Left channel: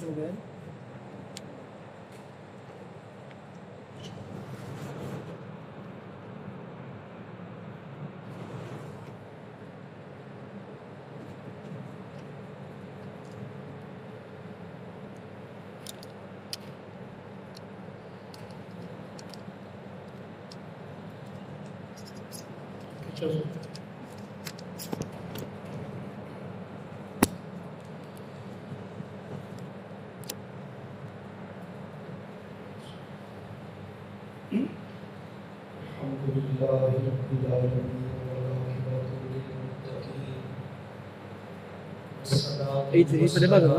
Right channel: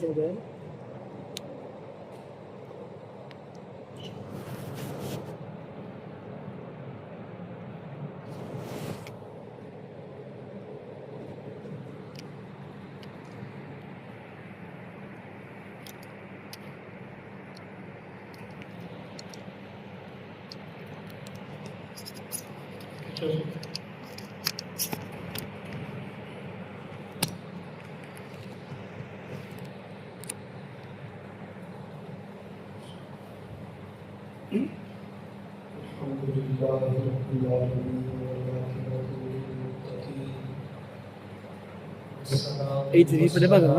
چل گئے عید نہیں پڑے بات نا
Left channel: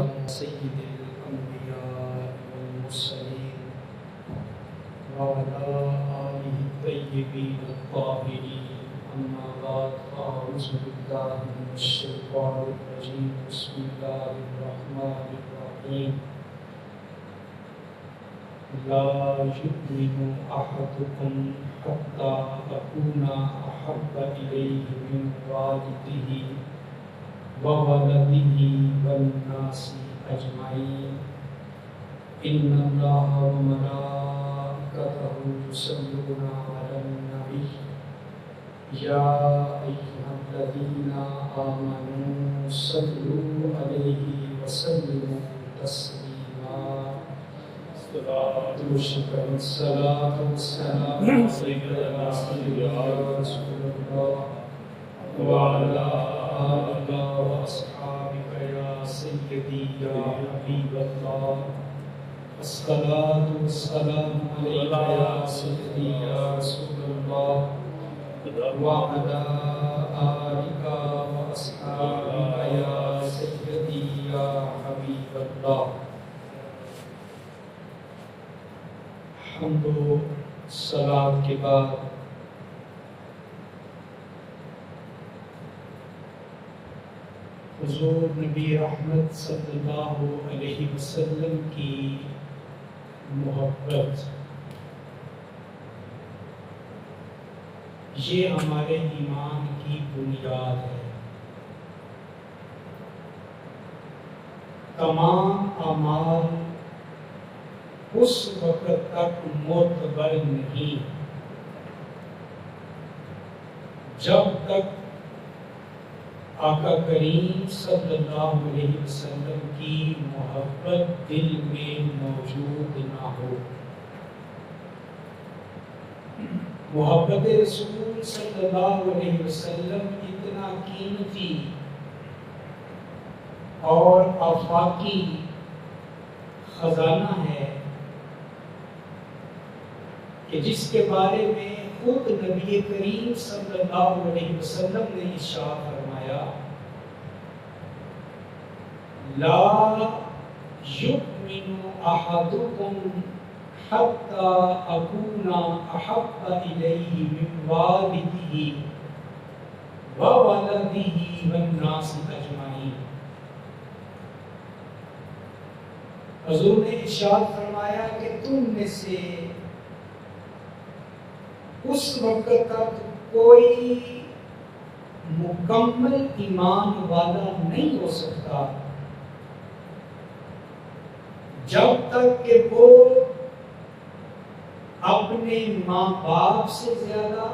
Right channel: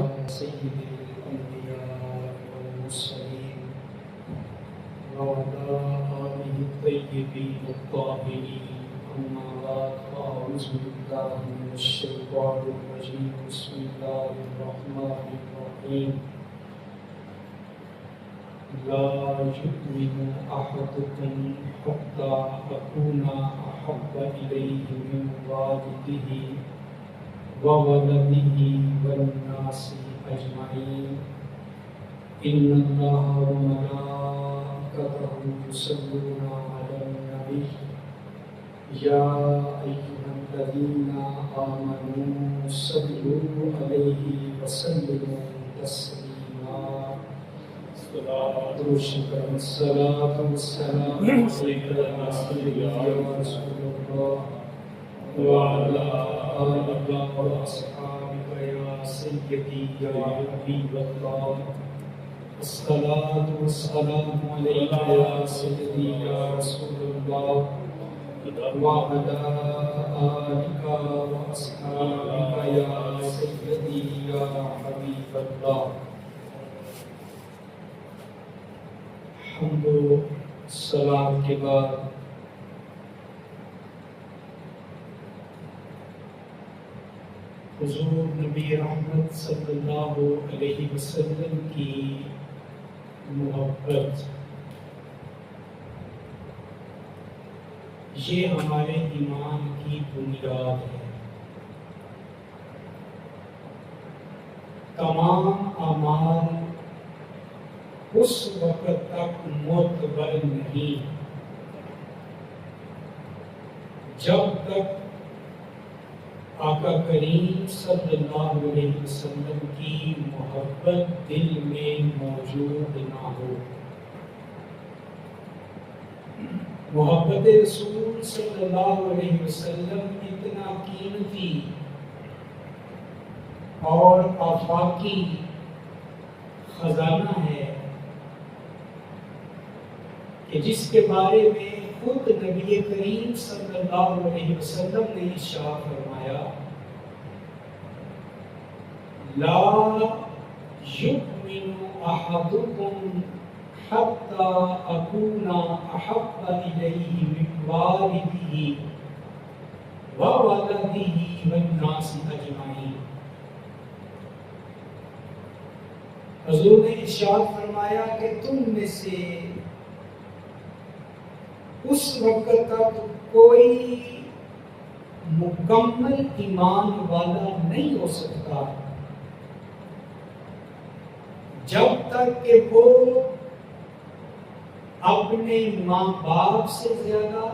لا يؤمن أحدكم حتى أكون أحب إليه من والده وولده والناس أجمعين إن الله وملائكته يصلون على النبي يا أيها الذين آمنوا صلوا عليه وسلموا تسليما الصلاة والسلام عليك يا رسول الله وعلى آلك وأصحابك يا سيدي يا حبيب الله الصلاة والسلام عليك يا سيدي يا رسول الله وعلى آلك وأصحابك يا سيدي يا حبيب الله. حمد و سلام کے بعد حضور نبی رحمت صلی اللہ علیہ وسلم کی محبت یہ ہمارے ایمان کی بنیاد ہے. تمام اعمال اس وقت تک معتبر نہیں جب تک آقا کریم صلی اللہ علیہ وسلم کی محبت دل میں موجود نہ ہو. محبت رسول صلی اللہ علیہ وسلم اتنا قیمتی اور آفاقی خزانہ ہے کہ جس کے بارے میں خود نبی کریم صلی اللہ علیہ وسلم نے ارشاد فرمایا لا یؤمن احدکم حتی اکون احب الیہ من والدہ وولدہ والناس اجمعین. حضور نے ارشاد فرمایا کہ تم میں سے اس وقت تک کوئی مکمل ایمان والا نہیں ہو سکتا جب تک کہ وہ اپنے ماں باپ سے زیادہ،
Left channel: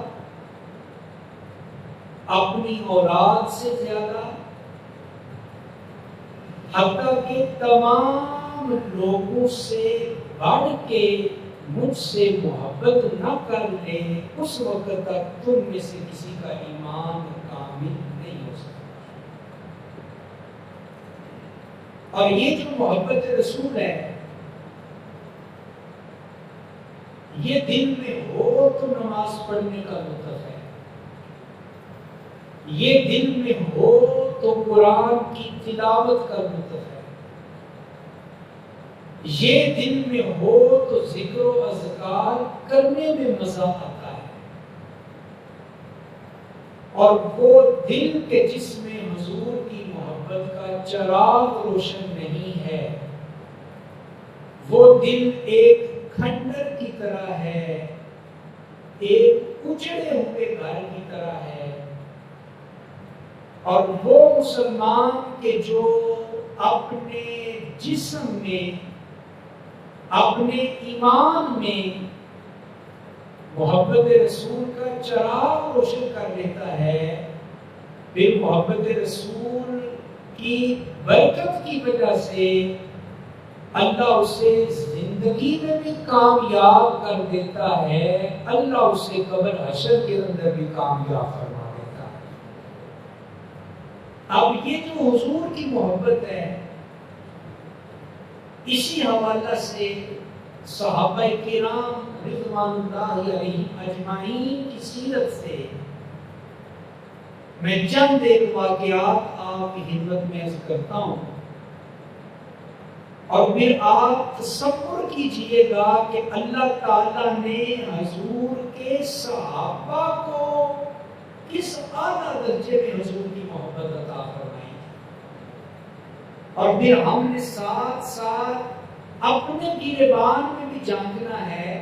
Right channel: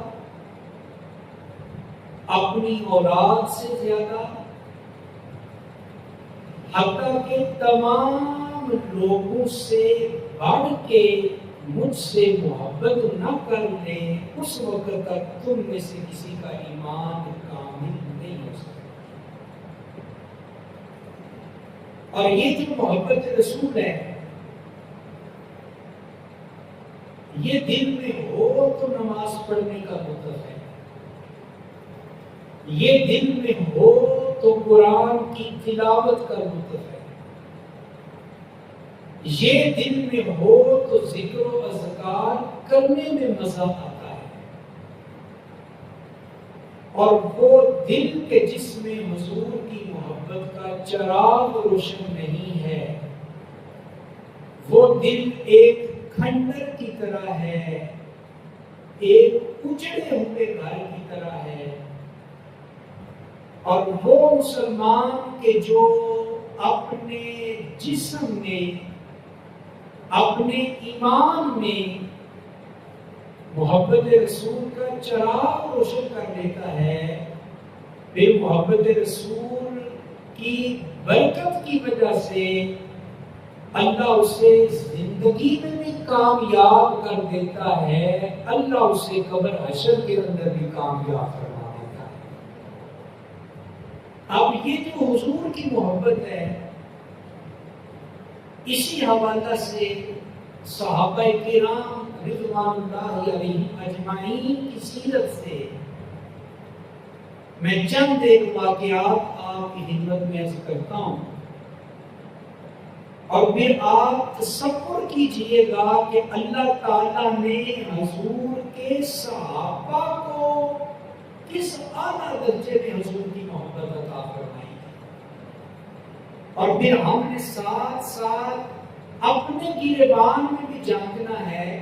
اپنی اولاد سے زیادہ، حتیٰ کہ تمام لوگوں سے بڑھ کے مجھ سے محبت نہ کر لے، اس وقت تک تم میں سے کسی کا ایمان کامل نہیں ہو سکتا. اور یہ جو محبت رسول ہے یہ دل میں ہو تو نماز پڑھنے کا لطف ہے، یہ دل میں ہو تو قرآن کی تلاوت کا لطف ہے، یہ دل میں ہو تو ذکر و اذکار کرنے میں مزہ آتا ہے. اور وہ دل کے جس میں حضور کی محبت کا چراغ روشن نہیں ہے وہ دل ایک کھنڈر کی طرح ہے، ایک اجڑے ہوئے گھر کی طرح ہے. اور وہ مسلمان کے جو اپنے جسم میں اپنے ایمان میں محبت رسول کا چراغ روشن کر لیتا ہے، پھر محبت رسول کی برکت کی وجہ سے اللہ اسے زندگی میں بھی کامیاب کر دیتا ہے، اللہ اسے قبر حشر کے اندر بھی کامیاب کروا دیتا ہے۔ اب یہ جو حضور کی محبت ہے، اسی حوالہ سے صحابہ کرام رضوان اللہ علیہم اجمعین کی سیرت سے میں چند ایک واقعات آپ کی خدمت میں عرض کرتا ہوں، اور پھر آپ تصور کیجئے گا کہ اللہ تعالیٰ نے حضور کے صحابہ کو کس اعلیٰ درجے میں حضور کی محبت عطا فرمائی ہے، اور پھر ہم نے ساتھ ساتھ اپنے گریبان میں بھی جاننا ہے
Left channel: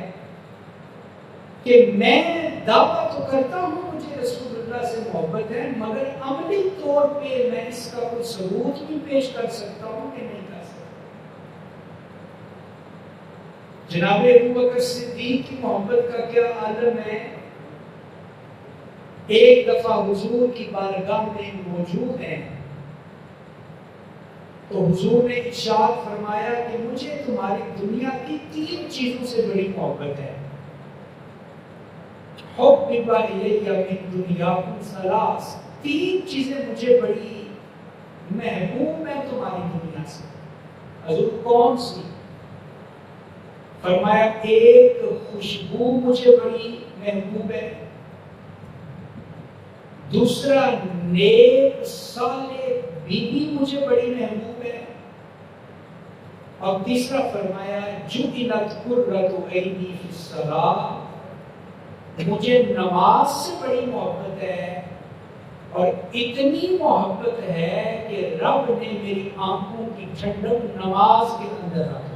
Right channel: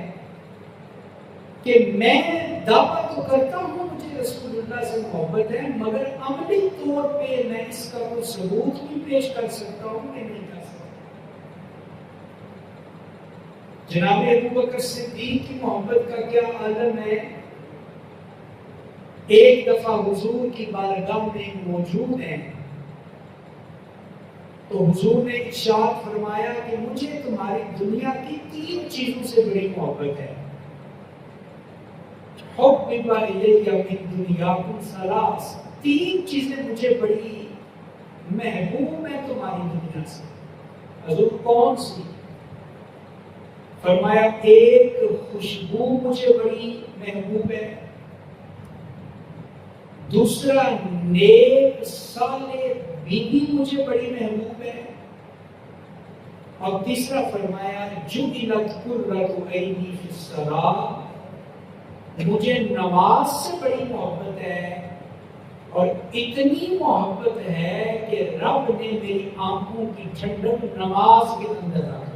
کہ میں دعویٰ تو کرتا ہوں مجھے رسول اللہ سے محبت ہے، مگر عملی طور پہ میں اس کا کوئی ثبوت بھی پیش کر سکتا ہوں کہ نہیں کر سکتا۔ جناب ابوبکر صدیق کی محبت کا کیا عالم ہے؟ ایک دفعہ حضور کی بارگاہ میں موجود ہیں تو حضور نے ارشاد فرمایا کہ مجھے تمہاری دنیا کی 3 چیزوں سے بڑی محبت ہے۔ حُبِّبَ إِلَيَّ مِن دُنْيَاكُمْ ثَلَاث، 3 چیزیں مجھے بڑی محبوب ہیں تمہاری دنیا سے۔ حضور کون سی؟ فرمایا ایک خوشبو مجھے بڑی محبوب ہے، دوسرا نیک صالح بیوی مجھے بڑی محبوب ہے، اور تیسرا فرمایا جُعِلَتْ قُرَّةُ عَيْنِي فِي الصَّلَاةِ، مجھے نماز سے بڑی محبت ہے، اور اتنی محبت ہے کہ رب نے میری آنکھوں کی ٹھنڈک نماز کے اندر رکھی۔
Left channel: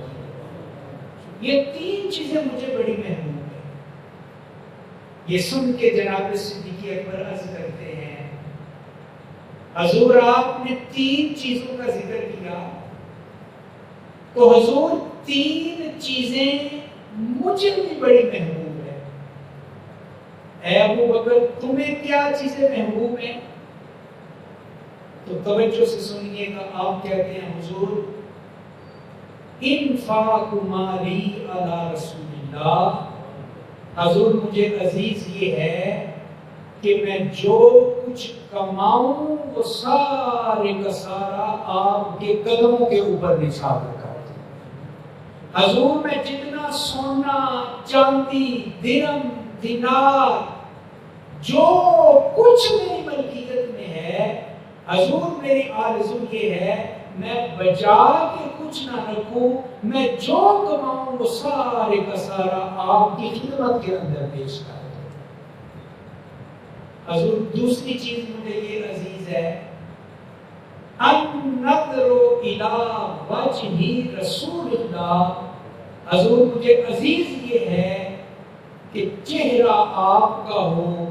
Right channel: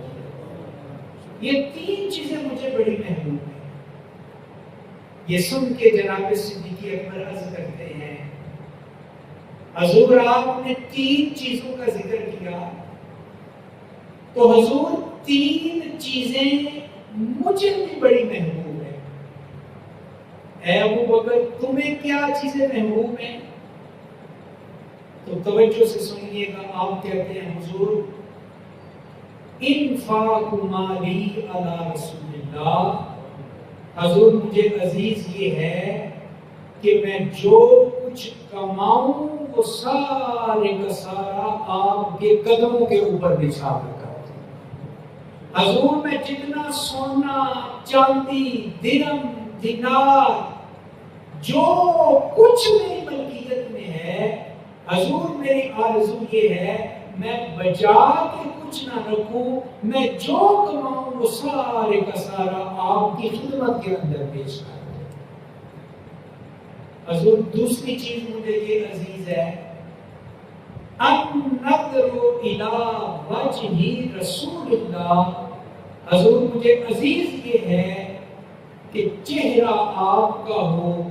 یہ 3 چیزیں مجھے بڑی محبوب ہیں۔ یہ سن کے جناب صدیق اکبر عرض کرتے ہیں حضور آپ نے 3 چیزوں کا ذکر کیا، تو حضور 3 چیزیں مجھے بھی بڑی محبوب ہیں، اے ابوبکر تمہیں کیا چیزیں محبوب ہیں؟ تو توجہ سے سنیے گا، آپ کہتے ہیں حضور انفاق مالی علی رسول اللہ، حضور مجھے عزیز یہ ہے کہ میں جو کچھ کماؤں وہ سارے کا سارا آپ کے قدموں کے اوپر نثار رکھا ہے۔ حضور میں جتنا سونا چاندی درہم دینار جو کچھ میری ملکیت میں ہے، حضور میری آرزو یہ ہے میں بچا کے کچھ نہ رکھوں، میں جو کماؤں وہ سارے کا سارا آپ کی خدمت کے اندر پیش کر دوں۔ حضور دوسری چیز مجھے یہ عزیز ہے، النظر الی وجہ رسول اللہ، حضور مجھے عزیز یہ ہے کہ چہرہ آپ کا ہو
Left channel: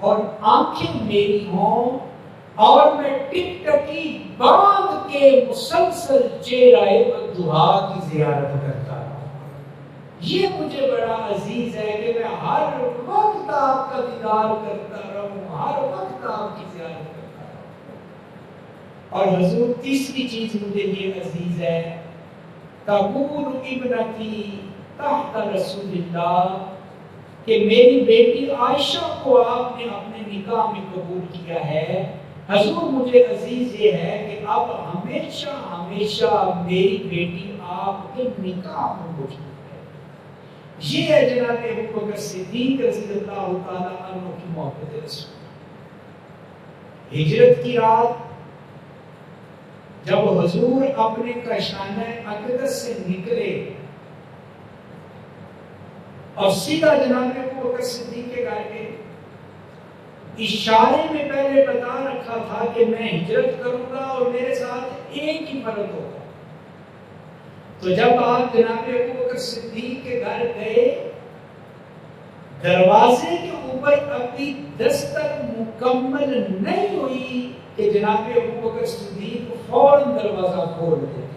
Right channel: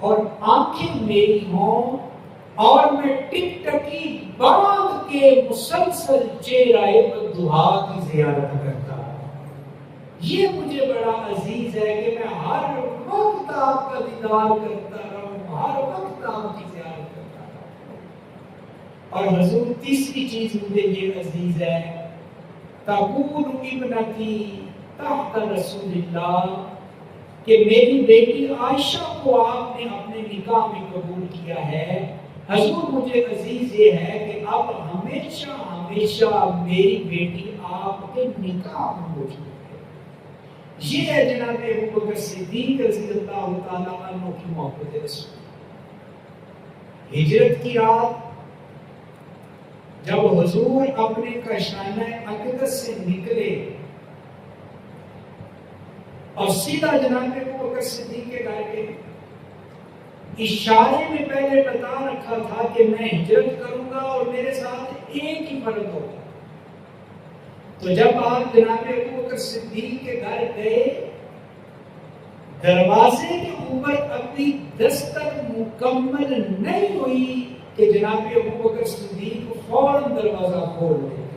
اور آنکھیں میری ہوں، اور میں ٹک ٹکی باندھ کے مسلسل چہرہ بندہا کی زیارت کرتا ہوں۔ یہ مجھے بڑا عزیز ہے کہ میں ہر وقت آپ کا دیدار کرتا رہوں، ہر وقت آپ کی زیارت کرتا رہوں۔ اور حضور تیسری چیز مجھے یہ عزیز ہے، تقول ابنتی تحت رسول اللہ، کہ میری بیٹی عائشہ کو آپ نے اپنے نکاح میں قبول کیا ہے۔ حضور مجھے عزیز یہ ہے کہ اب ہمیشہ ہمیشہ میری بیٹی آپ کے نکاح میں موجود ہے۔ یہ ہے جناب ابوبکر صدیق رضی اللہ تعالیٰ عنہ کی محبت رسول۔ ہجرت کی رات جب حضور اپنے کاشانہ اقدس سے نکلے اور سیدھا جناب ابوبکر صدیق کے گھر گئے، اشارے میں پہلے بتا رکھا تھا کہ میں ہجرت کروں گا اور میرے ساتھ ایک ہی فرد ہوگا۔ تو جب آپ جناب ابوبکر صدیق کے گھر گئے، دروازے کے اوپر اپنی دستک مکمل نہیں ہوئی کہ جناب ابوبکر صدیق فوراً دروازہ کھول دیا۔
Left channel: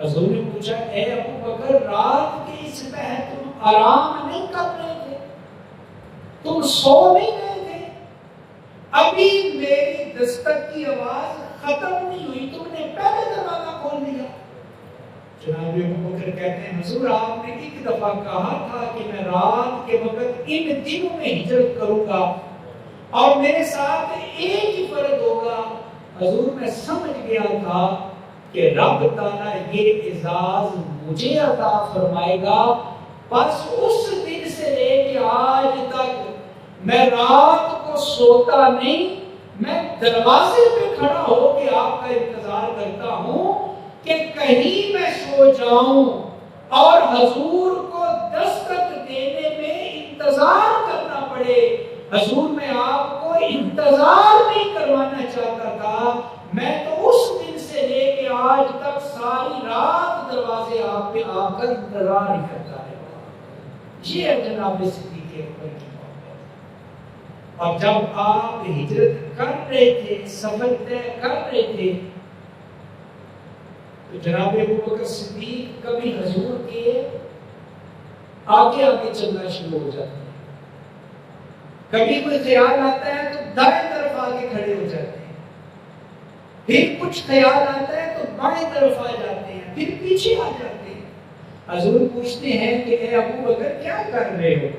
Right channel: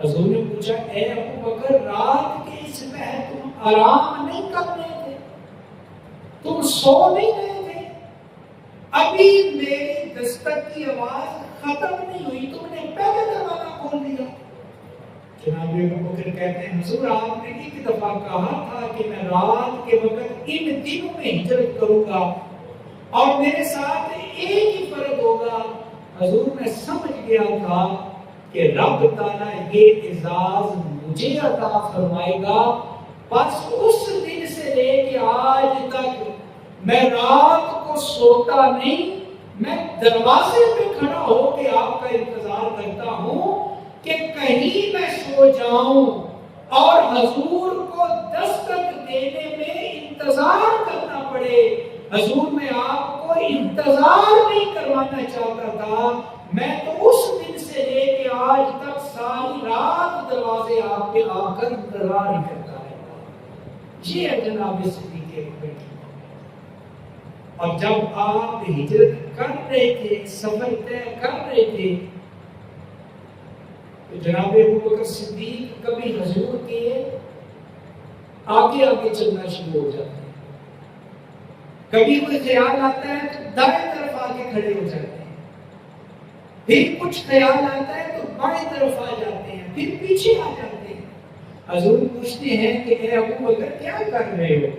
حضور نے پوچھا اے ابو بکر رات کے اس پہر تم آرام نہیں کر رہے تھے؟ تم سو نہیں رہے تھے؟ ابھی میری دستک کی آواز ختم نہیں ہوئی تم نے پہلے دروازہ کھول دیا۔ جناب ابو بکر کہتے ہیں حضور آپ نے ایک دفعہ کہا تھا کہ میں رات کے وقت ان دنوں میں ہجرت کروں گا اور میرے ساتھ ایک ہی فرق ہوگا۔ حضور میں سمجھ گیا تھا کہ رب تعالیٰ یہ اعزاز مجھے عطا فرمائے گا، بس اس دن سے لے کے آج تک میں رات کو سوتا نہیں، میں دروازے پہ کھڑا ہو کے آپ کا انتظار کرتا ہوں کہ کہیں میں سو جاؤں اور حضور کو دستک دینے میں انتظار کرنا پڑے۔ حضور میں آپ کو انتظار نہیں کروانا چاہتا تھا، میں تو اس دن سے لے کے آج تک ساری رات دروازے آپ پہ آ کر انتظار ہی کرتا ہے۔ یہ ہے جناب صدیق اکبر کی۔ اور جب آپ ہجرت کر رہے تھے، سفر طے کر رہے تھے، تو جناب ابو بکر صدیق کبھی حضور کے آگے آگے چلنا شروع ہو جاتے ہیں، کبھی کوئی خیال آتا ہے تو دائیں طرف آگے کھڑے ہو جاتے ہیں، پھر کچھ خیال آتا ہے تو بائیں طرف آ جاتے ہیں، پھر پیچھے آ جاتے ہیں۔ حضور پوچھتے ہیں کہ اے ابو بکر کیا کر رہے ہو؟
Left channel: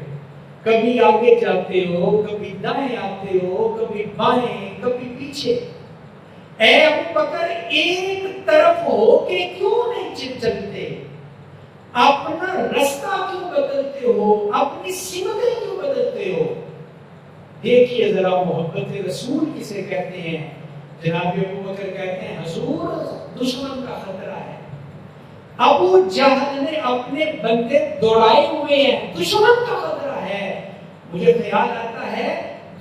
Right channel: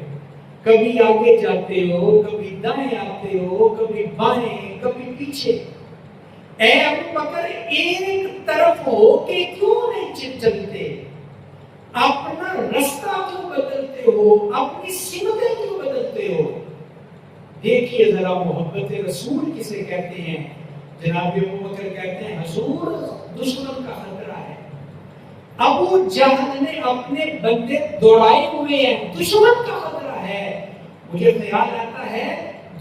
کبھی آگے جاتے ہو، کبھی دائیں آتے ہو، کبھی بائیں، کبھی پیچھے۔ اے ابو بکر ایک طرف ہو کے کیوں نہیں چلتے؟ اپنا رستہ کیوں بدلتے ہو؟ اپنی سمتیں کیوں بدلتے ہو؟ دیکھیے ذرا محبت رسول کسے کہتے ہیں۔ جناب ابو بکر کہتے ہیں حضور دشمن کا خطرہ ہے، ابو جہل نے اپنے بندے دوڑائے ہوئے ہیں، دشمن کا خطرہ ہے۔ مجھے خیال آتا ہے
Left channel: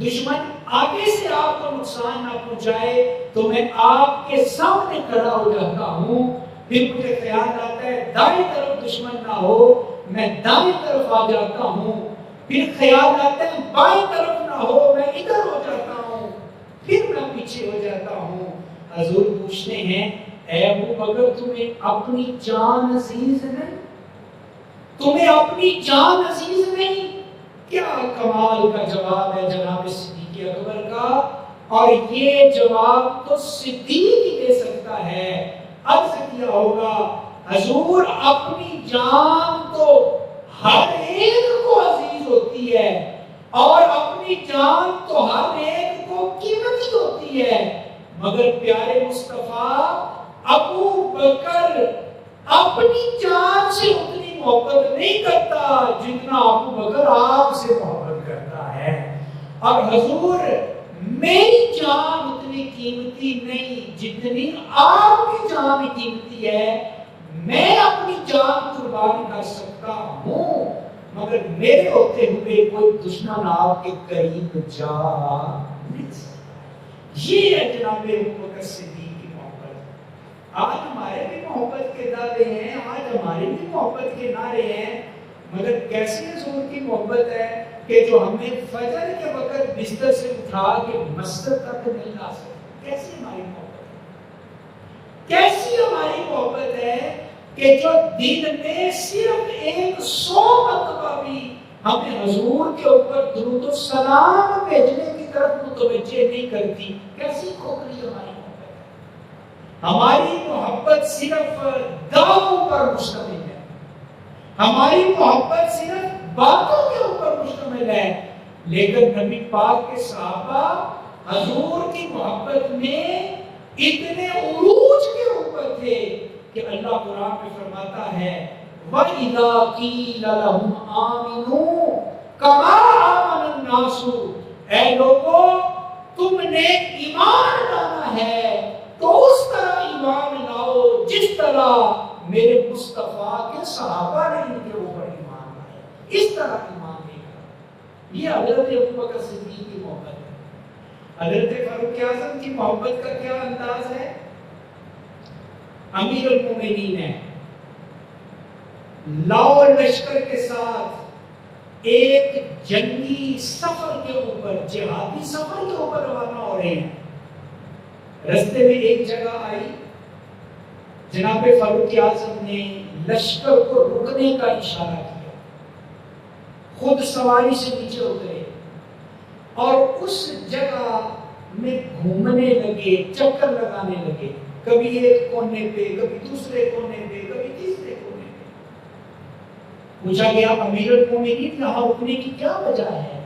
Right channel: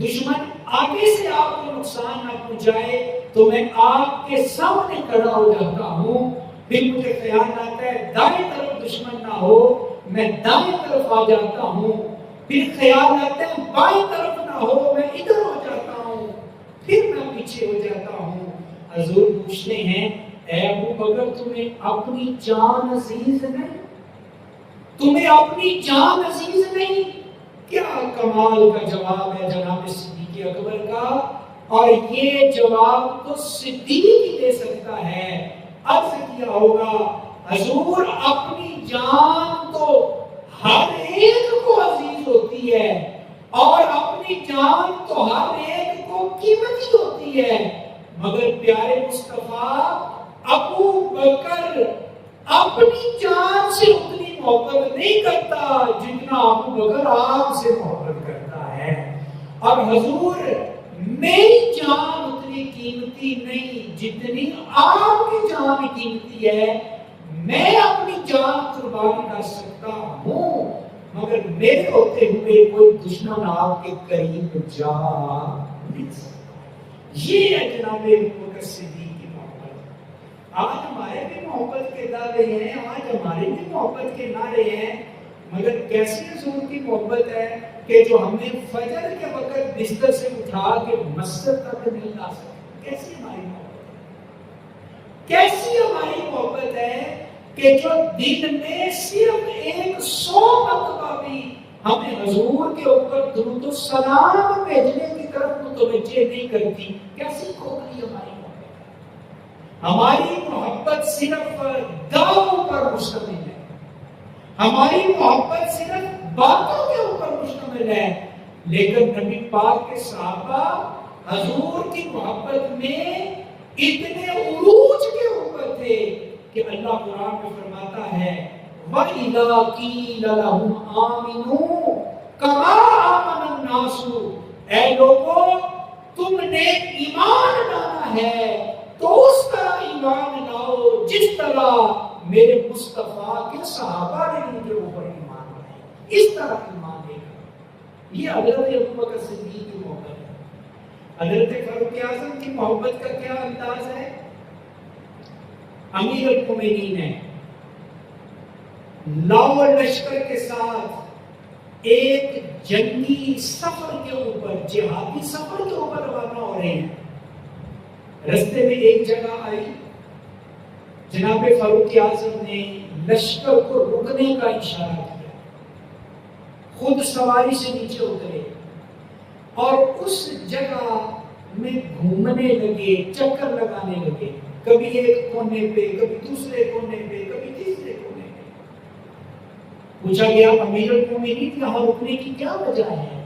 دشمن آگے سے آپ کو نقصان نہ پہنچائے تو میں آپ کے سامنے کھڑا ہو جاتا ہوں، پھر مجھے خیال آتا ہے دائیں طرف دشمن نہ ہو، میں دائیں طرف آ جاتا ہوں، پھر خیال آتا ہے بائیں طرف نہ ہو، میں ادھر ہو جاتا ہوں، پھر میں پیچھے ہو جاتا ہوں۔ حضور پوچھتے ہیں اے ابو بکر تمہیں اپنی جان عزیز نہیں؟ تمہیں اپنی جان عزیز نہیں؟ کیا کمال کا جواب ہے جناب صدیق اکبر کا، اور یہ جواب تو صدیق ہی دے سکتا ہے۔ عرض کیا ہوگا حضور اپنی جان تو ہر ایک کو عزیز ہوتی ہے اور اپنی جان تو ہر ایک کو قیمتی ہوتی ہے، مگر پیارے مصطفیٰ ابو بکر اپنی جان سے اتنی محبت نہیں کرتا جتنا ابو بکر آپ سے محبت کرتا ہے، اور حضور میری جان اتنی قیمتی نہیں جتنی آپ کی جان قیمتی ہے۔ میں اپنی جان قربان کر سکتا ہوں مگر میرے ہوتے ہوئے کوئی دشمن آپ کے قریب جا نہیں سکتا۔ یہ ہے جناب ابو بکر صدیق کی محبت۔ آج ہمارے بھی محبت کے دعوے ہیں، آج ہمارے بھی محبت کے نعرے ہیں، مگر کیسی حضور کی محبت ہے کہ جو ہمیں فجر کے وقت بستر سے اٹھا کے مسجد تک نہیں لا سکتے۔ کیسی ہماری محبت ہے، کیسی ہماری محبت ہے کہ جو دن میں صرف 100 مرتبہ بھی ہمیں حضور کے اوپر درود و سلام بھیجنے کی طرف متوجہ نہیں کرتی۔ کیسی کھوکھلی ہماری محبت ہے۔ ہماری محبت صرف دعووں پر مشتمل ہے، ہماری محبت صرف باتوں کے اوپر مشتمل ہے، لیکن نبی پاک کے صحابہ حضور کی محبت میں اتنے عروج کے اوپر تھے کہ اللہ قرآن میں فرماتا ہے وَإِذَا قِيلَ لَهُمْ آمِنُوا كَمَا آمَنَ النَّاسُ، اے لوگوں تم نے ایمان لانا ہے تو اس طرح ایمان لاؤ جس طرح میرے مصطفیٰ کے صحابہ نے ان کے اوپر ایمان لائے، اس طرح ایمان لے کر۔ یہ حضرت ابو بکر صدیق کی محبت ہے۔ حضرت فاروق اعظم کی محبت کا کیا انداز ہے؟ امیر المومنین ہے، لاؤ لشکر کے ساتھ ایک جنگی سفر کے اوپر، جہادی سفر کے اوپر روانہ ہو رہے ہیں۔ رستے میں ایک جگہ آئی، جناب فاروق اعظم نے لشکر کو رکنے کا اشارہ کیا، خود سواری سے نیچے اترے اور اس جگہ میں گھومنے لگے، چکر لگانے لگے، کبھی ایک کونے پہ، کبھی دوسرے کونے پہ، کبھی تیسرے کونے پہ۔ پوچھا گیا امیر المومنین یہاں رکنے کی کیا وجہ ہے؟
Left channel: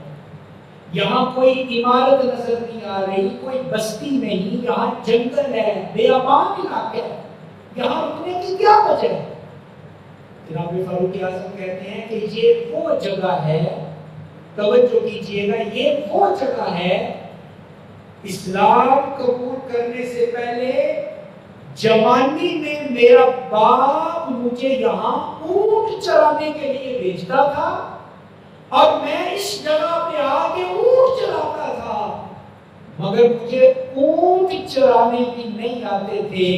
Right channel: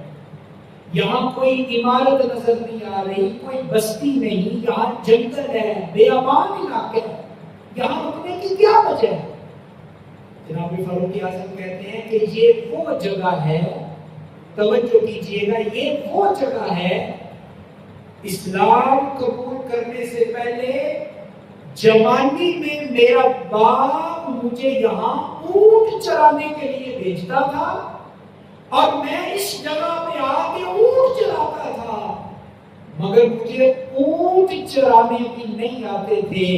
یہاں کوئی عمارت نظر نہیں آ رہی، کوئی بستی نہیں، یہاں جنگل ہے، بیابان علاقہ ہے، یہاں رکنے کی کیا وجہ ہے؟ جناب فاروق اعظم کہتے ہیں کہ یہ وہ جگہ ہے، توجہ کیجئے گا، یہ وہ جگہ ہے اسلام قبول کرنے سے پہلے جوانی میں میرا باپ مجھے یہاں اونٹ چرانے کے لیے بھیجتا تھا اور میں اس جگہ پہ آ کے اونٹ چراتا تھا، مگر مجھے اونٹ چرانے بھی نہیں آتے تھے۔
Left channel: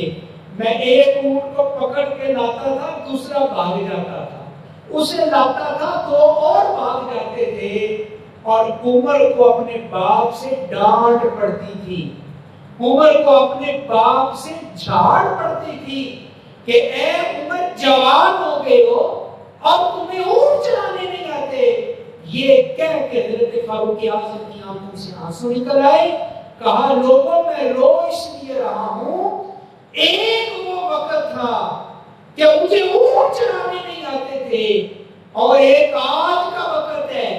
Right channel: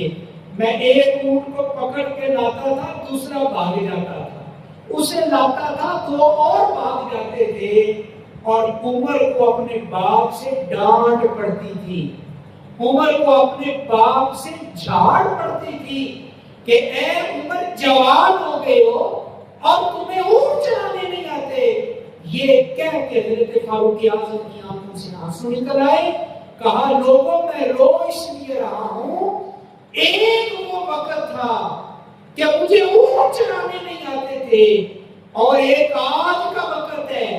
میں ایک اونٹ کو پکڑ کے لاتا تھا، دوسرا بھاگ جاتا تھا، اسے لاتا تھا، دو اور بھاگ جاتے تھے، اور عمر کو اپنے باپ سے ڈانٹ پڑتی تھی، عمر کو اپنے باپ سے جھاڑ پڑتی تھی کہ اے عمر جوان ہو گئے ہو اور تمہیں اونٹ چلانے نہیں آتے۔ یہ کہہ کے حضرت فاروق اعظم کی آنکھوں سے آنسو نکل آئے، کہا لوگوں میں رو اس لیے رہا ہوں، ایک وہ وقت تھا کہ مجھے اونٹ چلانے نہیں آتے تھے، اور ایک آج کا وقت ہے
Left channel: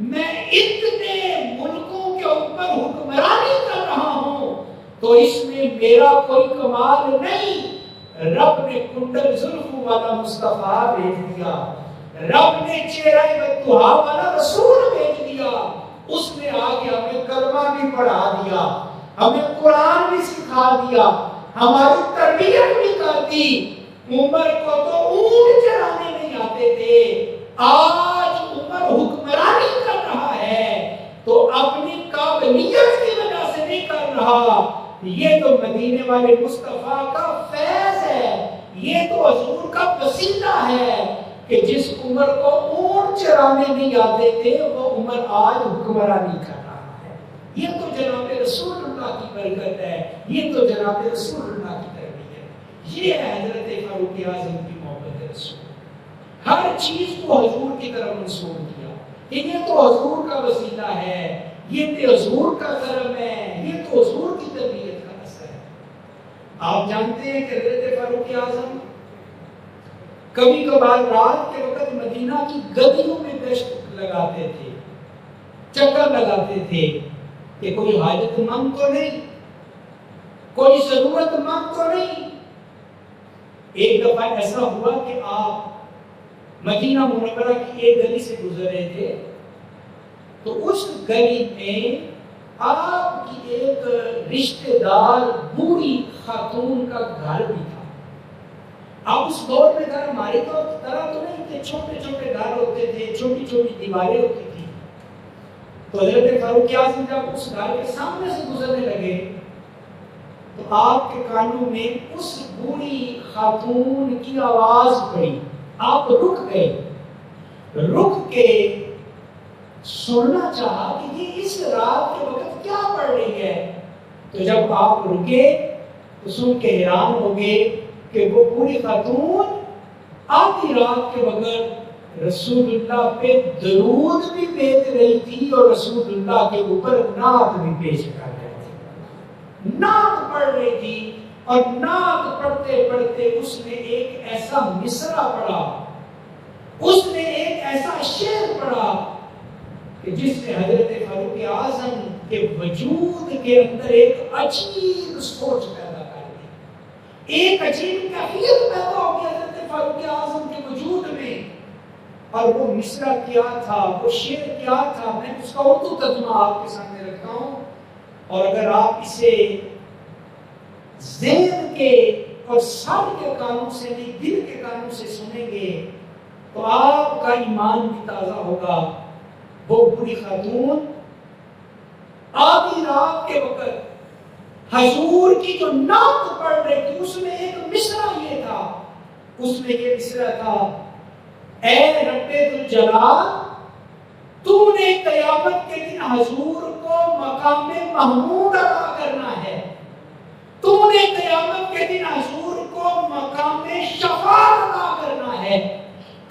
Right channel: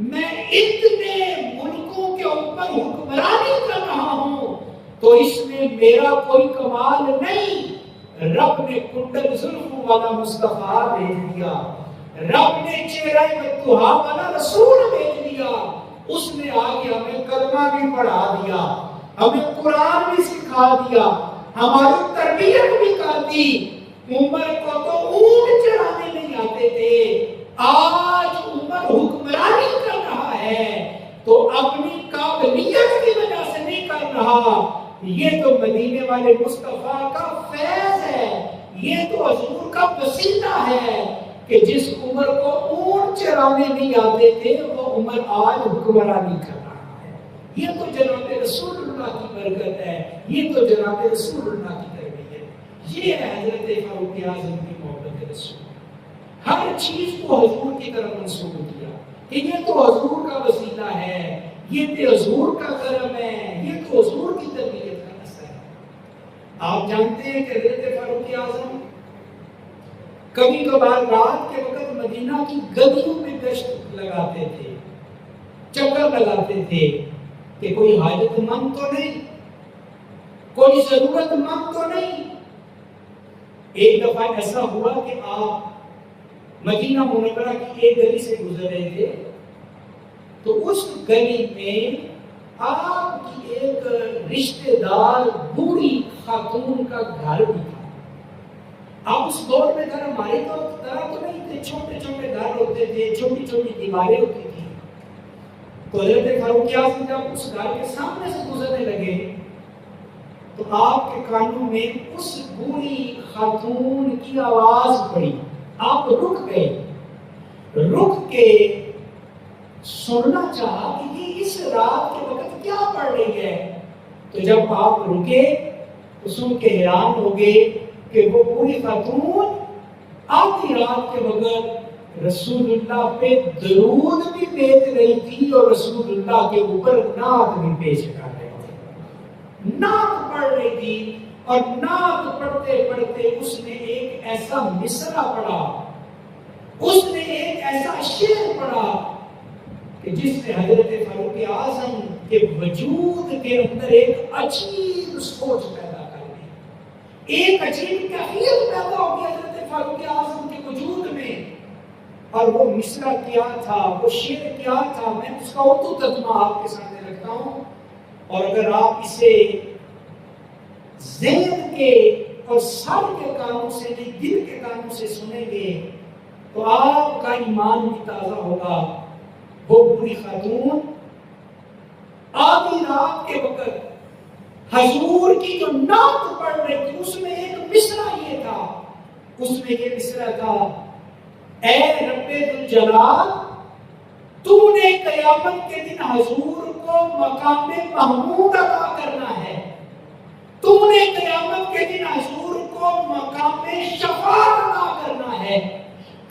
میں اتنے ملکوں کے اوپر حکمرانی کر رہا ہوں، تو اس میں میرا کوئی کمال نہیں، رب نے کنڈل زلف والا مصطفیٰ بھیج دیا، رب نے چہرہ بددعا والا رسول بھیج دیا، اس نے آگے ہمیں کلمہ بھی پڑھا دیا، ہمیں قرآن بھی سکھا دیا، ہماری تربیت بھی کر دی۔ عمر کو تو اونٹ چرانے نہیں آتے تھے، آج عمر حکمرانی کر رہا ہے تو اپنی قابلیت کی وجہ سے نہیں کر رہا، یہ تو مدینے والے مصطفیٰ کا فیض ہے، یہ تو حضور کا وسیلہ ہے کہ جس عمر کو اونٹ چرانے نہیں آتے تھے وہ عمر آج حکمرانی کر رہا ہے۔ یہ تو جناب رسول اللہ کی برکت ہے، یہ تو جناب رسول اللہ کی تربیت، یہ ہے حضرت فاروق اعظم کی محبت رسول، ہر چیز کو حضور کی طرف منسوب کیا کہ یہ تو حضور کا وسیلہ ہے، یہ تو حضور کا کرم ہے، یہ تو حضور کی تربیت کا اثر ہے۔ آپ جانتے ہیں کہ حضرت فاروق اعظم کبھی کبھار رات کے وقت مدینہ کی گلیوں میں گشت لگاتے تھے، چکر لگاتے تھے کہ کوئی حاجت مند تو نہیں، کوئی ضرورت مند تو نہیں۔ ایک دفعہ ایسا ہوا کہ آپ مدینہ منورہ کی ایک گلی سے گزر رہے تھے تو اس گلی میں آپ کی ایک رشتہ دار بوڑھی خاتون کا گھر بھی تھا۔ اب اس دور میں گھر ہماری طرح تو نہیں تھے، چھوٹے چھوٹے گھر ہوتے تھے، چھوٹی چھوٹی دیواریں ہوتی تھی۔ تو حضرت فاروق اعظم جب اس گھر کے سامنے سے گزرنے لگے تو آپ کے کانوں میں اس بوڑھی خاتون کی آواز پڑی، آپ رک گئے، رک کے سننا چاہا کہ یہ اس رات کے وقت کیا پڑھ رہی ہے۔ تو جب آپ رکے تو سن کے حیران ہو گئے کہ وہ بوڑھی خاتون آدھی رات کے وقت رسول اللہ پہ درود بھی بھیج رہی تھی اور رسول اللہ کے اوپر نعت بھی پیش کر رہی تھی، نعت پڑھ رہی تھی، اور نعت پڑھتے پڑھتے اس نے ایک ایسا مصرع پڑھا، اس نے ایک ایسا شعر پڑھا کہ جس نے حضرت فاروق اعظم کے وجود کے اندر ایک عجیب سوچ پیدا کر دی، ایک عجیب کیفیت پیدا ہو گئی حضرت فاروق اعظم کے وجود میں۔ اور وہ مصرع کیا تھا، وہ شعر کیا تھا، میں اس کا اردو ترجمہ آپ کے سامنے رکھتا ہوں، اور اگر آپ اسے ذہن کے اور سر کے کانوں سے نہیں دل کے کانوں سے سنیں گے تو آپ کا ایمان بھی تازہ ہوگا۔ وہ بوڑھی خاتون آدھی رات کے وقت حضور کی جو نعت پڑھ رہی تھی اس میں ایک مصرع یہ تھا، اس میں یہ مصرع تھا، اے رب ذوالجلال تو نے قیامت کے دن حضور کو مقام محمود عطا کرنا ہے، تو نے قیامت کے دن حضور کو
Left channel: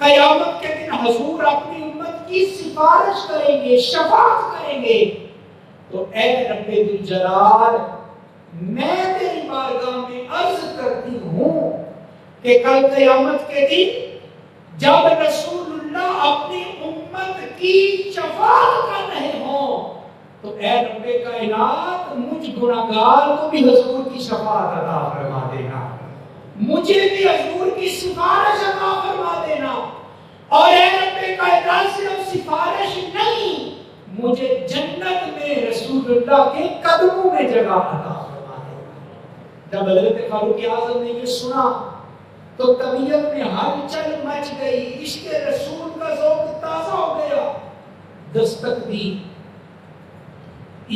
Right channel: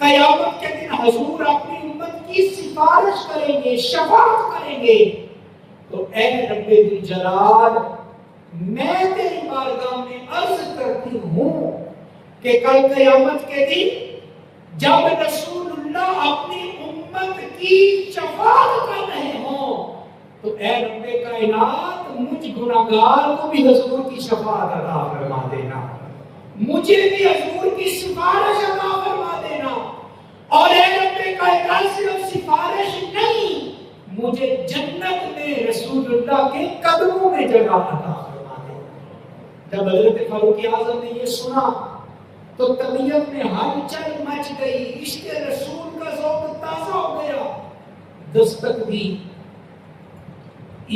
قیامت کے دن حضور اپنی امت کی سفارش کریں گے، شفاعت کریں گے. تو اے رب ذوالجلال، میں تیری بارگاہ میں عرض کرتی ہوں کہ کل قیامت کے دن جب رسول اللہ اپنی امت کی شفاعت کر رہے ہوں تو اے رب کائنات مجھ گناہگار کو بھی حضور کی شفاعت عطا فرما دینا، مجھے بھی حضور کی سفارش عطا فرما دینا. اور اے رب کائنات صرف سفارش نہیں، مجھے جنت میں رسول اللہ کے قدموں میں جگہ عطا فرما دینا. جب حضرت فاروق اعظم نے یہ سنا تو طبیعت میں ہلچل مچ گئی، عشق رسول کا ذوق تازہ ہو گیا. دستک دی،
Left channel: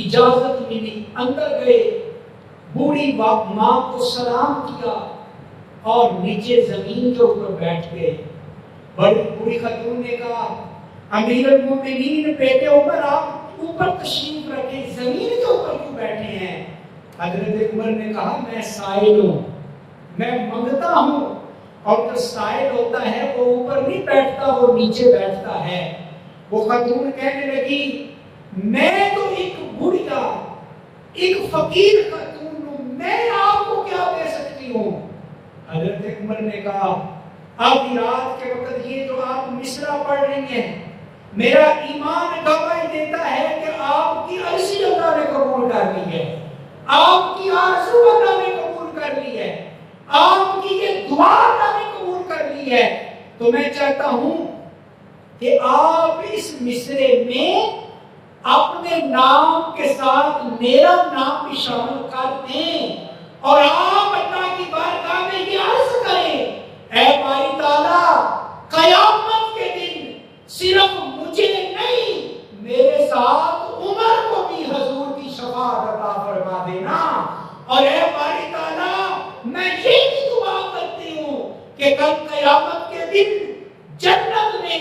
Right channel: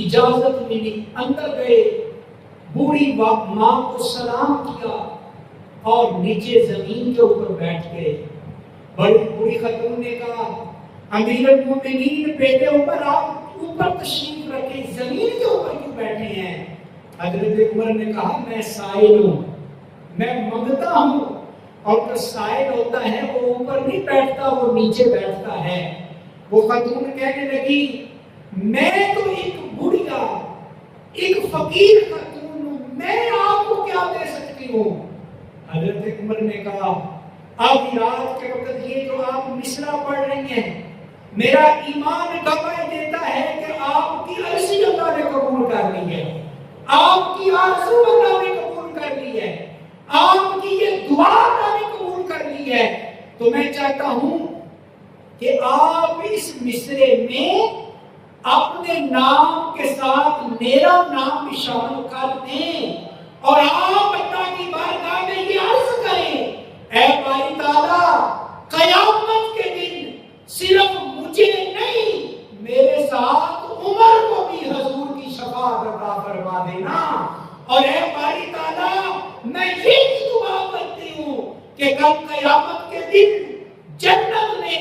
اجازت ملی، اندر گئے، بوڑھی ماں کو سلام کیا اور نیچے زمین کے اوپر بیٹھ گئے. بڑی بوڑھی خاتون نے کہا امیر المومنین بیٹے عمر آپ اوپر تشریف رکھے، زمین کے اوپر کیوں بیٹھے ہیں؟ حضرت عمر نے کہا میں سائل ہوں، میں منگتا ہوں، اور جو سائل ہوتا ہے وہ اوپر نہیں بیٹھتا، وہ نیچے بیٹھتا ہے. وہ خاتون کہنے لگی میں تو ایک بڑھیا ایک فقیر خاتون ہوں، میں آپ کو کیا دے سکتی ہوں؟ حضرت عمر نے کہا آدھی رات کے وقت یہ جو آپ مصرع پڑھ رہی ہیں میرا ایمان گواہی دیتا ہے کہ آپ کی عرضی اللہ نے قبول کر لی ہے، آپ کی آرزو اللہ نے قبول کر لی ہے، آپ کی یہ دعا اللہ نے قبول کر لی ہے. تو میں چاہتا ہوں کہ آپ اس مصرے میں اپنے نام کے ساتھ میرا نام بھی شامل کر دیں اور آپ اللہ کی بارگاہ میں یہ عرض کریں اے باری تعالیٰ قیامت کے دن صرف مجھے نہیں میرے ساتھ عمر کو بھی حضور کی شفاعت عطا فرما دینا. اور اے باری تعالیٰ میں یہ بھی دعا کرتی ہوں کہ کل قیامت کے دن جنت میں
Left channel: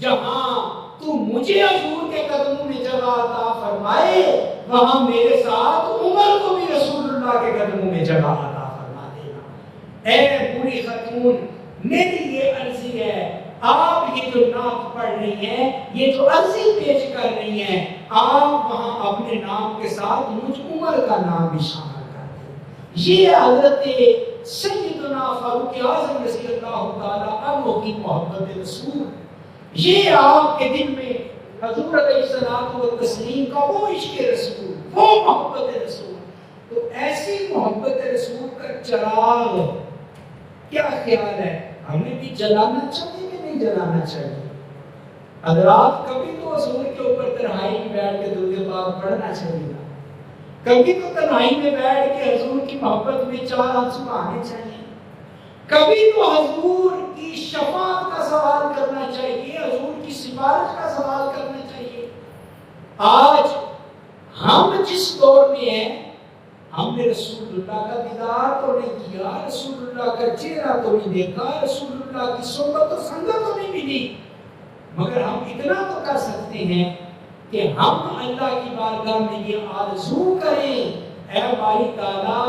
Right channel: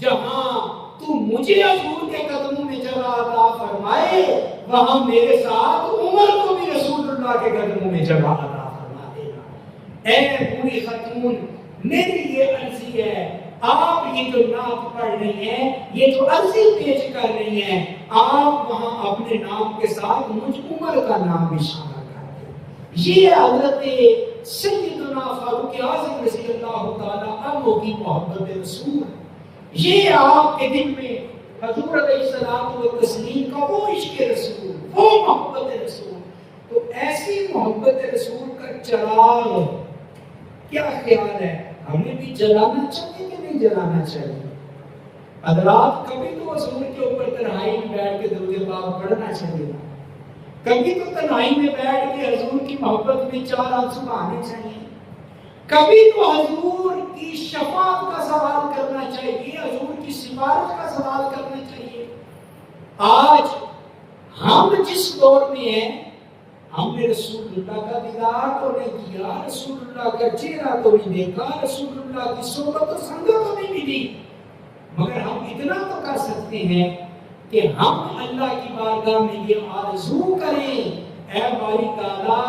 جہاں تو مجھے حضور کے قدموں میں جگہ عطا فرمائے وہاں میرے ساتھ عمر کو بھی رسول اللہ کے قدموں میں جگہ عطا فرما دینا. اے بوڑھی خاتون میری یہ عرضی ہے، آپ یہ جو نعت پڑھ رہی ہیں، یہ جو عرضی پیش کر رہی ہیں، آپ وہاں اپنے نام کے ساتھ مجھ عمر کا نام بھی شامل کر دیں. یہ حضرت سیدنا فاروق اعظم رضی اللہ تعالیٰ عنہ کی محبت رسول، یہ آپ کے دل میں حضور علیہ السلام و تسلیم کا وہ عشق رسول، وہ محبت رسول. تو ایسی محبت رسول کا چراغ کیا خیال ہے ہمیں بھی جلانا چاہیے کہ نہیں جلانا چاہیے؟ حضرات کبھی تو حضور کے اوپر تنہائی میں بیٹھ کے درود پاک پڑھنا چاہیے، کبھی تو تنہائی میں بیٹھ کے حضور کی محبت میں چار آنسو آنے چاہیے، کبھی تو حضور کی شفاعت کا سوال کرنا چاہیے، حضور کی سفارش کا سوال کرنا چاہیے. آج ہم جس دور میں ہیں ہم نے رسول اللہ کا دیدار تو نہیں کیا، رسول اللہ کا چہرہ تو نہیں دیکھا، رسول اللہ کی صحبت و سنگت تو نہیں ملی، مگر ہم اتنا تو کر سکتے ہیں کہ ہم اللہ کی بارگاہ میں یہ آرزو کریں اے باری تعالیٰ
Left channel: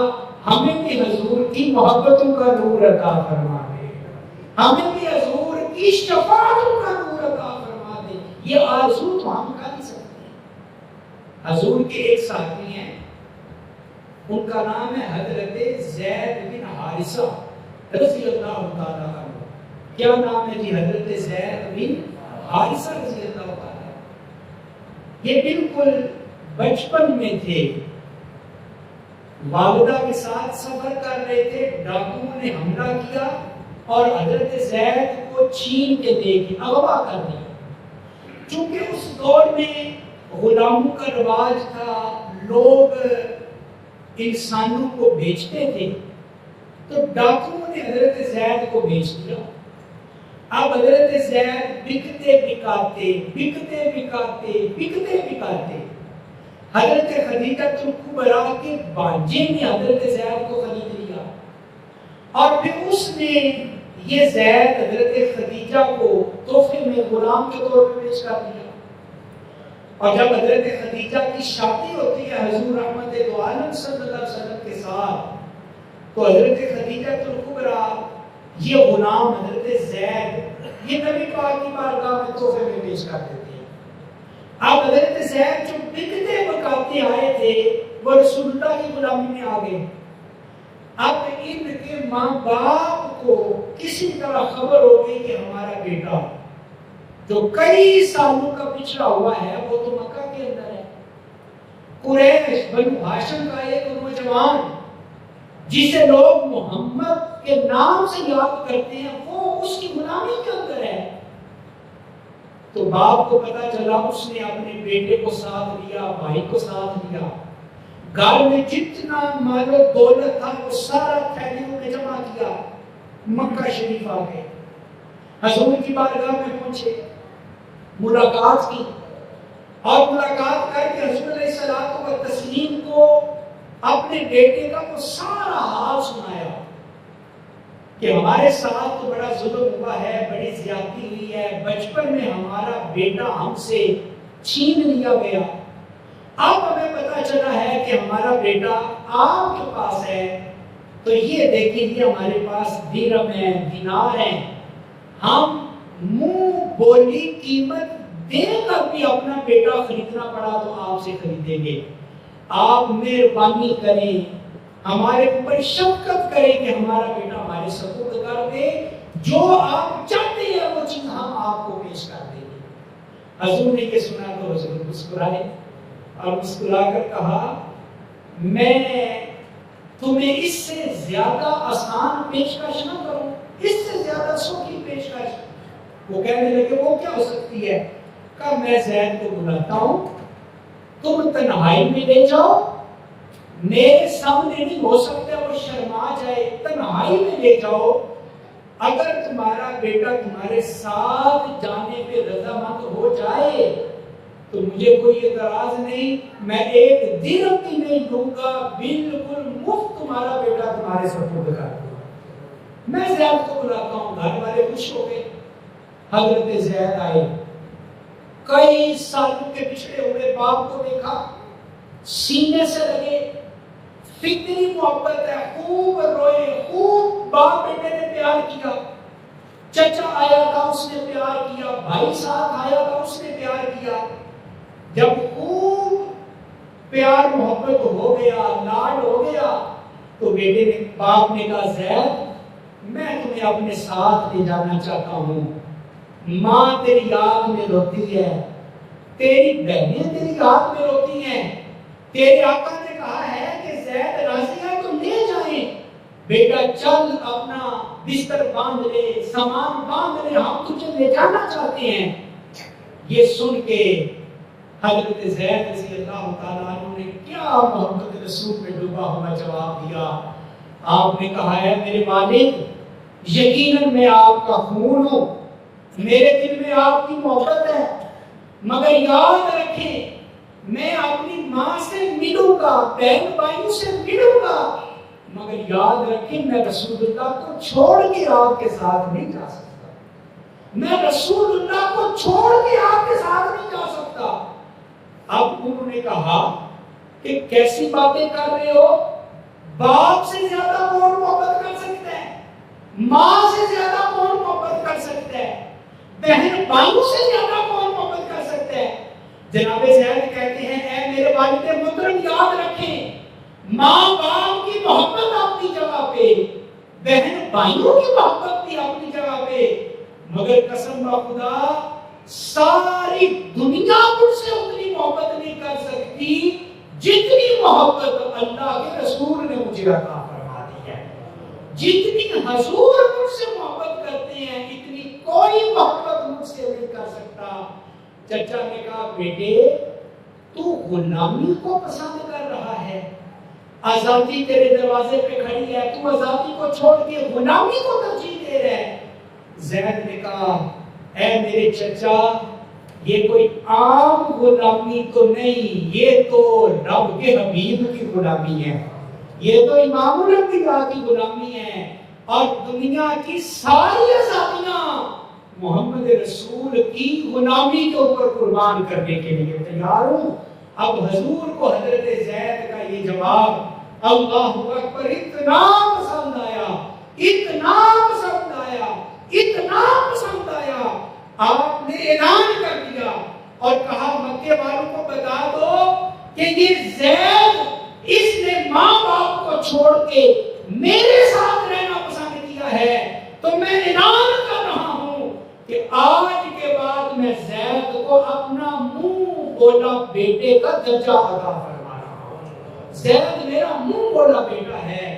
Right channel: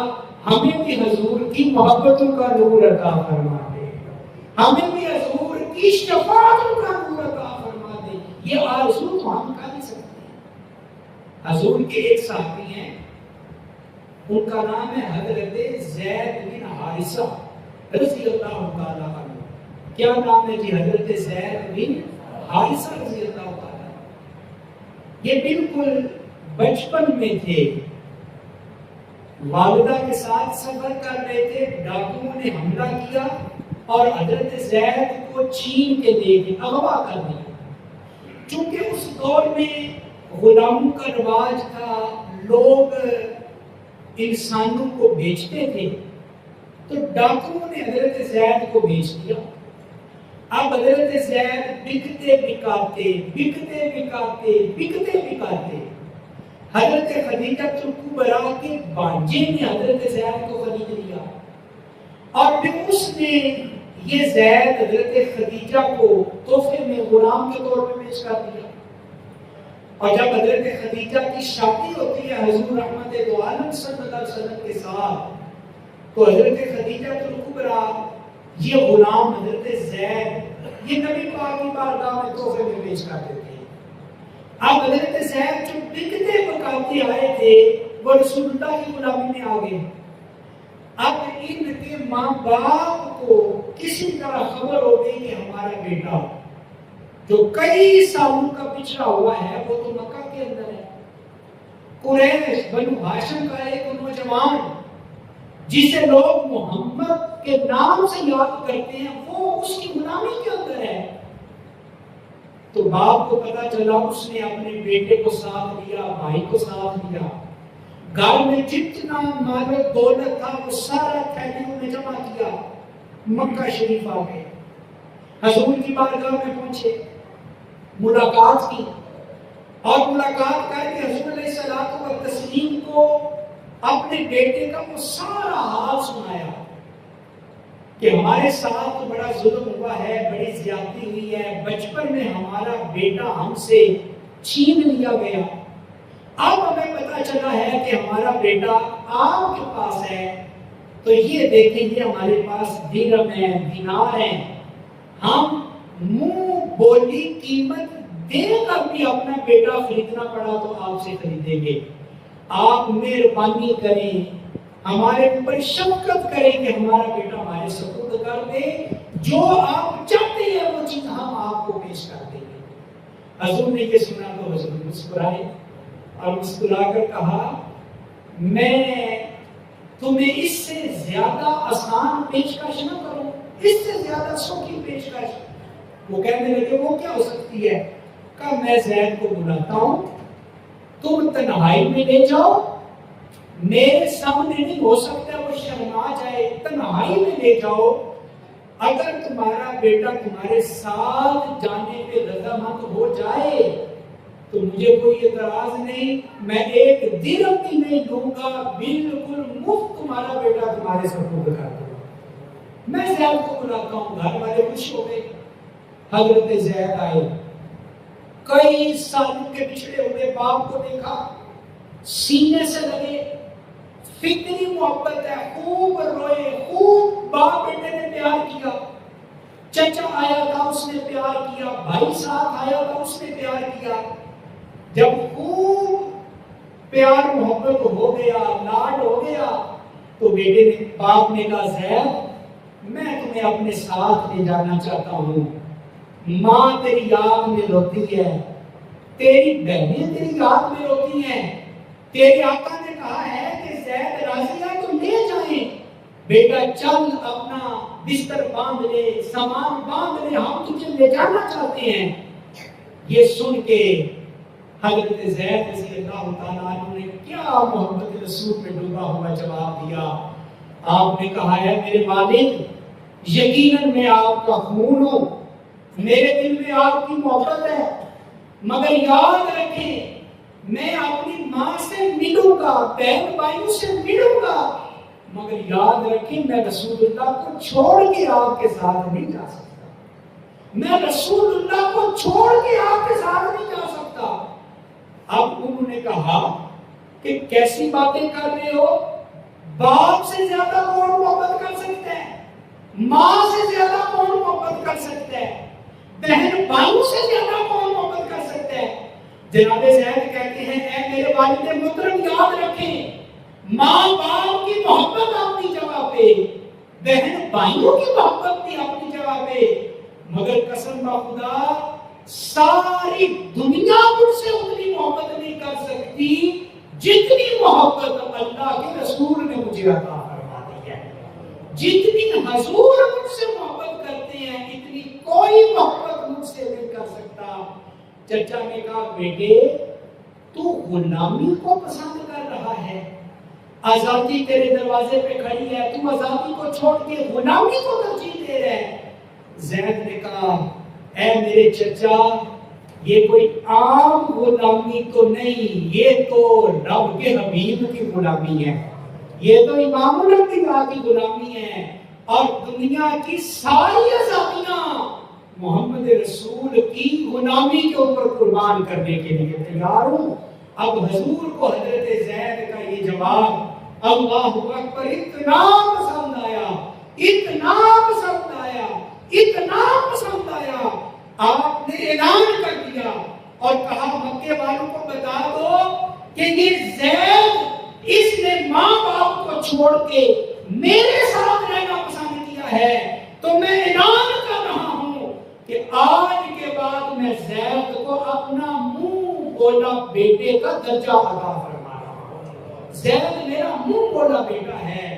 ہمیں بھی حضور کی محبتوں کا نور عطا فرما دے، ہمیں بھی حضور کی شفاعتوں کا نور عطا فرما دے. یہ آرزو تو ہم کر ہی سکتے ہیں. حضور کے ایک ساتھی ہیں، ان کا نام ہے حضرت زید بن حارثہ رضی اللہ تعالیٰ عنہ. کیا نام ہے جی؟ حضرت زید بن حارثہ رضی اللہ تعالیٰ. یہ بالکل بچپن میں تھے، والدہ کے ساتھ سفر کر رہے تھے، ڈاکوؤں نے حملہ کیا اور حضرت زید کو چھین کے دے کے اغوا کر دیا. چونکہ اس دور میں غلاموں کا رواج تھا، لوگ انسانوں کو بیچتے تھے، تو ڈاکوؤں نے حضرت زید کو بیچ دیا. اب حضرت زید بکتے بکاتے حضرت خدیجہ الکبریٰ کے بانجے نے حضرت زید کو خرید لیا اور پھر اس نے یہ زید حضرت خدیجہ کو تحفے میں غلام کے طور پہ پیش کر دیا. اور جب حضرت خدیجہ کی شادی ہوتی ہے حضور رحمت دو عالم صلی اللہ علیہ وسلم کے ساتھ، تو حضرت خدیجہ الکبریٰ یہ غلام حضرت زید یہ نبی پاک کی بارگاہ میں تحفے میں پیش کر دیتے ہیں۔ اب حضرت زید جو بکتے بکاتے آئے تھے وہ رسول اللہ کی غلامی میں آ گئے۔ اب ان کے ماں باپ کو کسی طرح خبر ہو گئی کہ ہمارا بیٹا جو کئی سالوں کا پچھڑا ہوا ہے وہ تو مکہ کے اندر ہے۔ قریش بنو ہاشم کا ایک نوجوان جسے لوگ محمد کے نام سے یاد کرتے ہیں وہ اس کی غلامی کے اندر ہے۔ تو باپ کو پتا چلا، اس نے اپنے بیٹے کو ساتھ لیا، بھائی کو ساتھ لیا، گھر میں جتنا مال و دولت تھا وہ سارا تھیلیوں میں جمع کیا، مکہ شریف آ گئے، حضور کی بارگاہ میں پہنچے، ملاقات کی، اور ملاقات کر کے حضور علیہ الصلوۃ والتسلیم کو اپنے بیٹے کا وہ سارا حال سنایا کہ ہمارے ساتھ تو بڑا ظلم ہوا ہے، بڑی زیادتی ہوئی ہے، بچپن میں ہمارا بیٹا ہم سے چھین لیا گیا، اب ہمیں پتا چلا ہے کہ ہمارا بیٹا آپ کے پاس ہے، تو یہ دیکھیں یہ ہمارے پاس درہم ہے، دینار ہیں، ہم منہ بولی قیمت دے کر بھی اپنا بیٹا خریدنا پڑا تو آپ سے خریدیں گے، آپ مہربانی کریں، ہمارے اوپر شفقت کریں کہ ہمارا بیٹا ہمارے سپرد کر دے، جو آپ چاہتے ہیں وہ چیز ہم آپ کو پیش کر دیں گے۔ حضور نے یہ سنا تو حضور مسکرائے اور مسکرا کر کہا میں تمہیں اس سے زیادہ آسان پیشکش نہ کروں، اس سے زیادہ سوکھی پیشکش۔ وہ کہنے لگے وہ کیا ہو سکتی ہے؟ کہا میں زید کو بلاتا ہوں، تم تنہائی میں لے جاؤ، میرے سامنے نہیں ہو سکتا، وہ شرما جائے، تنہائی میں لے جاؤ، اگر تمہارا بیٹا تمہارے ساتھ جانے پہ رضامند ہو جائے تو مجھے کوئی اعتراض نہیں، میں ایک درہم بھی نہیں دوں گا، بالکل مفت تمہارا بیٹا تمہارے سپرد کر دوں گا۔ میں زید کو بلاتا ہوں۔ گھر والے خوش ہو گئے، حضرت زید آئے، کئی سالوں کے پچھڑے ہوئے باپ کو دیکھا، سینے سے لگے، فطری محبت ہے، خوب روئے، خوب باپ بیٹے نے پیار کیا، چچا آیا تھا اس نے پیار کیا، بھائی ساتھ آیا تھا اس نے پیار کیا، جب خوب پیار محبت ہو گیا، لاڈ ہو گیا، تو بیٹے نے باپ نے کہا زید میں تمہیں اپنے ساتھ لے جانا چاہتا ہوں، ماں تیری یاد میں روتی ہے، تیری بہنیں تیری یاد میں روتی ہیں، تیرے آقا نے کہا ہے کہ زید راضی ہے تو لے جائیں، بیٹا چل اپنا بستر باندھ لے، سامان باندھ لے، ہم تجھے لے جانا چاہتے ہیں۔ یہ سن کے حضرت زید رضی اللہ تعالیٰ عنہ نے کیا محبت رسول میں ڈوبا ہوا جواب دیا۔ آپ نے کہا ہے میرے والد یقیناً میں آپ کا خون ہوں، میرے دل میں آپ کی محبت ہے، مگر یاد رکھیں میں اپنی ماں سے ملوں گا، بہن بھائیوں سے ملوں گا، مگر یاد رکھیں میں رسول اللہ کو چھوڑ کے آپ کے ساتھ نہیں جا سکتا، میں رسول اللہ کو چھوڑ کے آپ کے ساتھ نہیں جا سکتا۔ اب انہوں نے کہا کہ کیسی باتیں کر رہے ہو، باپ سے زیادہ کون محبت کر سکتا ہے، ماں سے زیادہ کون محبت کر سکتا ہے، بہن بھائیوں سے زیادہ کون محبت کر سکتا ہے۔ جناب زید کہتے ہیں اے میرے والد محترم یاد رکھیں ماں باپ کی محبت اپنی جگہ پہ، بہن بھائیوں کی محبت بھی اپنی جگہ پہ، مگر قسم خدا ساری دنیا مجھ سے اتنی محبت نہیں کر سکتی جتنی محبت اللہ کے رسول نے مجھے عطا فرما دی ہے، جتنی حضور مجھ سے محبت کرتے ہیں اتنی کوئی محبت مجھ سے نہیں کر سکتا۔ چچا نے کہا بیٹے تو غلامی کو پسند کر رہا ہے، آزادی تیرے دروازے پہ کھڑی ہے، تو آزادی کو چھوڑ کے غلامی کو ترجیح دے رہا ہے۔ زید نے کہا اے میرے چچا یہ کوئی عام غلامی تو نہیں، یہ تو رب کے حبیب کی غلامی ہے، یہ تو امام الانبیاء کی غلامی ہے، اور دنیا کی ساری آزادیاں محمد رسول کی غلامی کے اوپر قربان کرنے کے لیے تیار ہوں۔ اب حضور کو حضرت زید کا یہ جواب اللہ اکبر اتنا پسند آیا، اتنا پسند آیا، اتنا پسند آیا آیا آپ نے اعلان کر دیا اور کہا مکے والوں کو بتا دو کہ یہ زید اس نے ماں باپ کو چھوڑ کے میرے ساتھ رہنا پسند کیا ہے، تو میں اعلان کر رہا ہوں کہ آج کے بعد میں زید کو اپنا منہ بولا بیٹے کا درجہ عطا فرما رہا ہوں۔ زید میرا منہ بولا بیٹا ہے۔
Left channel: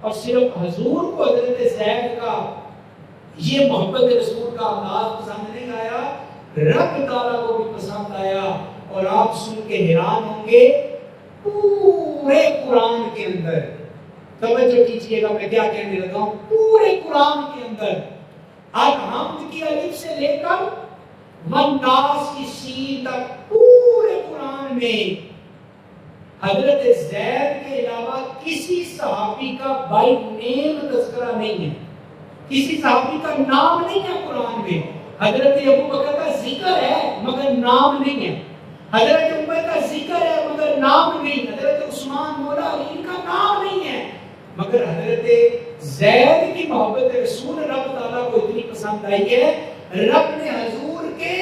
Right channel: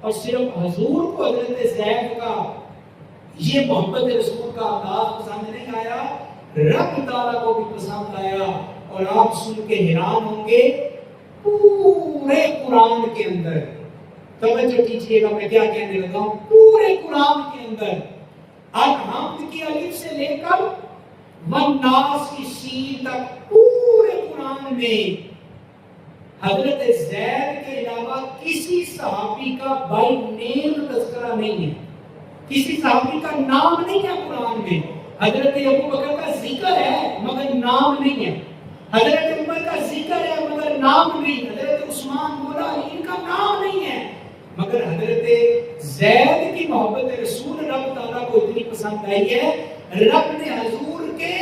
اور صرف حضور کو حضرت زید کا یہ محبت رسول کا انداز پسند نہیں آیا، رب تعالیٰ کو بھی پسند آیا۔ اور آپ سن کے حیران ہوں گے، پورے قرآن کے اندر، توجہ کیجئے گا میں کیا کہنے لگا ہوں، پورے قرآن کے اندر الحمد کی الف سے لے کر والناس کی سین تک پورے قرآن میں حضرت زید کے علاوہ کسی صحابی کا بائی نیم تذکرہ نہیں ہے، کسی صحابی کا نام نہیں ہے قرآن میں۔ حضرت ابو بکر کا ذکر ہے مگر نام نہیں ہے، حضرت عمر کا ذکر ہے مگر نام نہیں، حضرت عثمان مولا علی کا نام نہیں ہے، مگر حضرت زید کی محبت رسول رب تعالیٰ کو اتنی پسند آئی ہے، رب نے حضور کے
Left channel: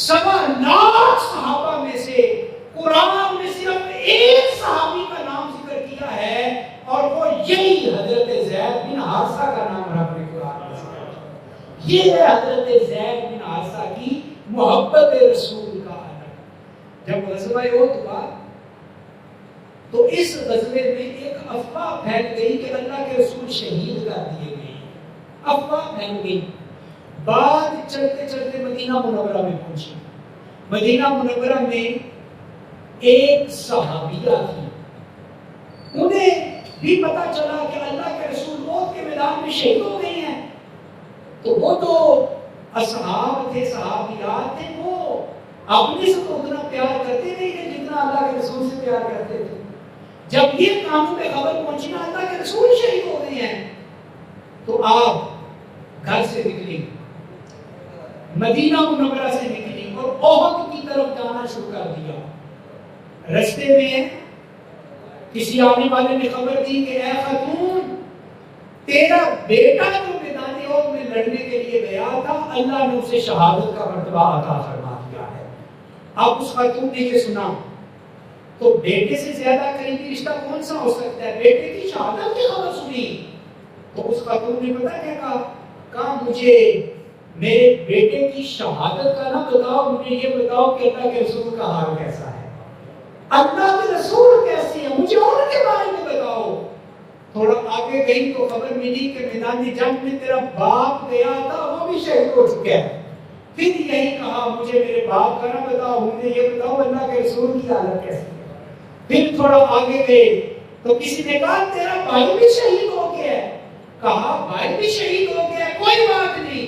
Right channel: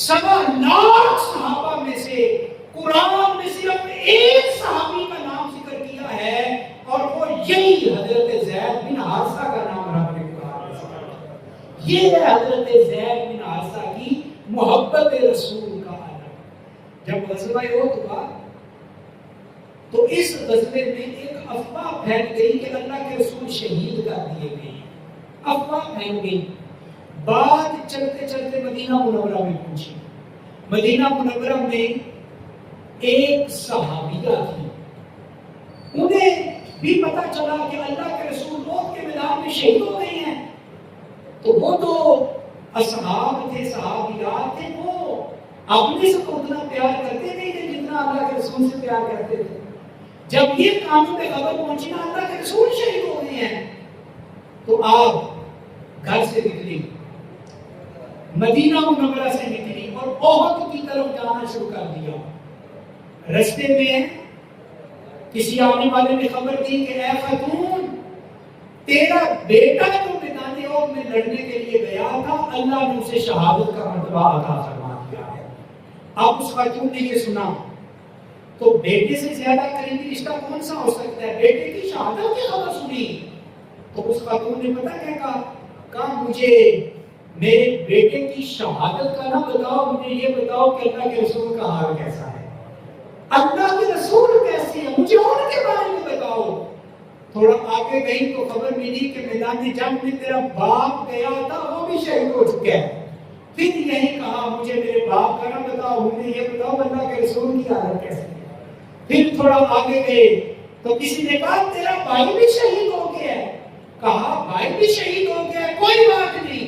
1.25 لاکھ صحابہ میں سے قرآن میں صرف ایک صحابی کا نام ذکر کیا ہے، اور وہ یہی حضرت زید بن حارثہ کا نام رب نے قرآن میں ذکر کیا۔ یہ ہے حضرت زید بن حارثہ کی محبت رسول کا عالم۔ جب غزوہ احد ہوا تو اس غزوے میں ایک افواہ پھیل گئی کہ اللہ کے رسول شہید کر دیے گئے، افواہ پھیل گئی۔ بات چلتے چلتے مدینہ منورہ میں پہنچی۔ مدینہ منورہ میں ایک صحابیہ تھی، انہیں بھی پتا چلا کہ اللہ کے رسول موت کے میدان میں شہید ہو گئے ہیں، تو وہ تو اصحاب تھے، صحابیات تھے، وہ اپنے سے تو اتنا پیار کرتے نہیں تھے جتنا اللہ کے رسول سے پیار کرتے تھے۔ جب یہ کانوں پہ خبر پہنچی نا اللہ کے رسول شہید ہو رہے ہیں، تو آپ گھر سے نکلی، مدینہ منورہ سے نکلی اور احد کی طرف جانا شروع کر دیا۔ رستے میں کسی آنے والے نے خبر دی کہ اے خاتون، تیرا بیٹا جو میدان احد میں لڑنے کے لیے گیا تھا، اللہ نے اسے شہادت کا مرتبہ عطا فرما دیا ہے۔ اب اس خاتون نے یہ سنا تو بیٹے سے زیادہ قریبی رشتہ کون سا ہو سکتا ہے، بیٹے کی شہادت کی خبر سنی تو اس خاتون نے پتہ کیا کہا، مجھے میرے بیٹے کی شہادت کا نہ بتاؤ، مجھے یہ بتاؤ کہ اللہ کے رسول کا حال کیسا ہے، اللہ کے رسول کیسے ہیں، مجھے ان کے بارے میں بتاؤ۔ تھوڑا آگے گئی تو خبر ملی کہ میدان جنگ میں تیرا باپ گیا تھا، وہ بھی شہید ہو چکا ہے۔ پھر یہی کہا مجھے میرے باپ کا نہ بتاؤ، مجھے یہ بتاؤ اللہ کے رسول کی حالت کیسے ہے۔ پھر تھوڑا آگے گئے تو کسی نے کہا تیرا بھائی بھی شہید ہو گیا ہے، کہا بھائی بھی شہید ہو گیا ہے، کوئی بات نہیں،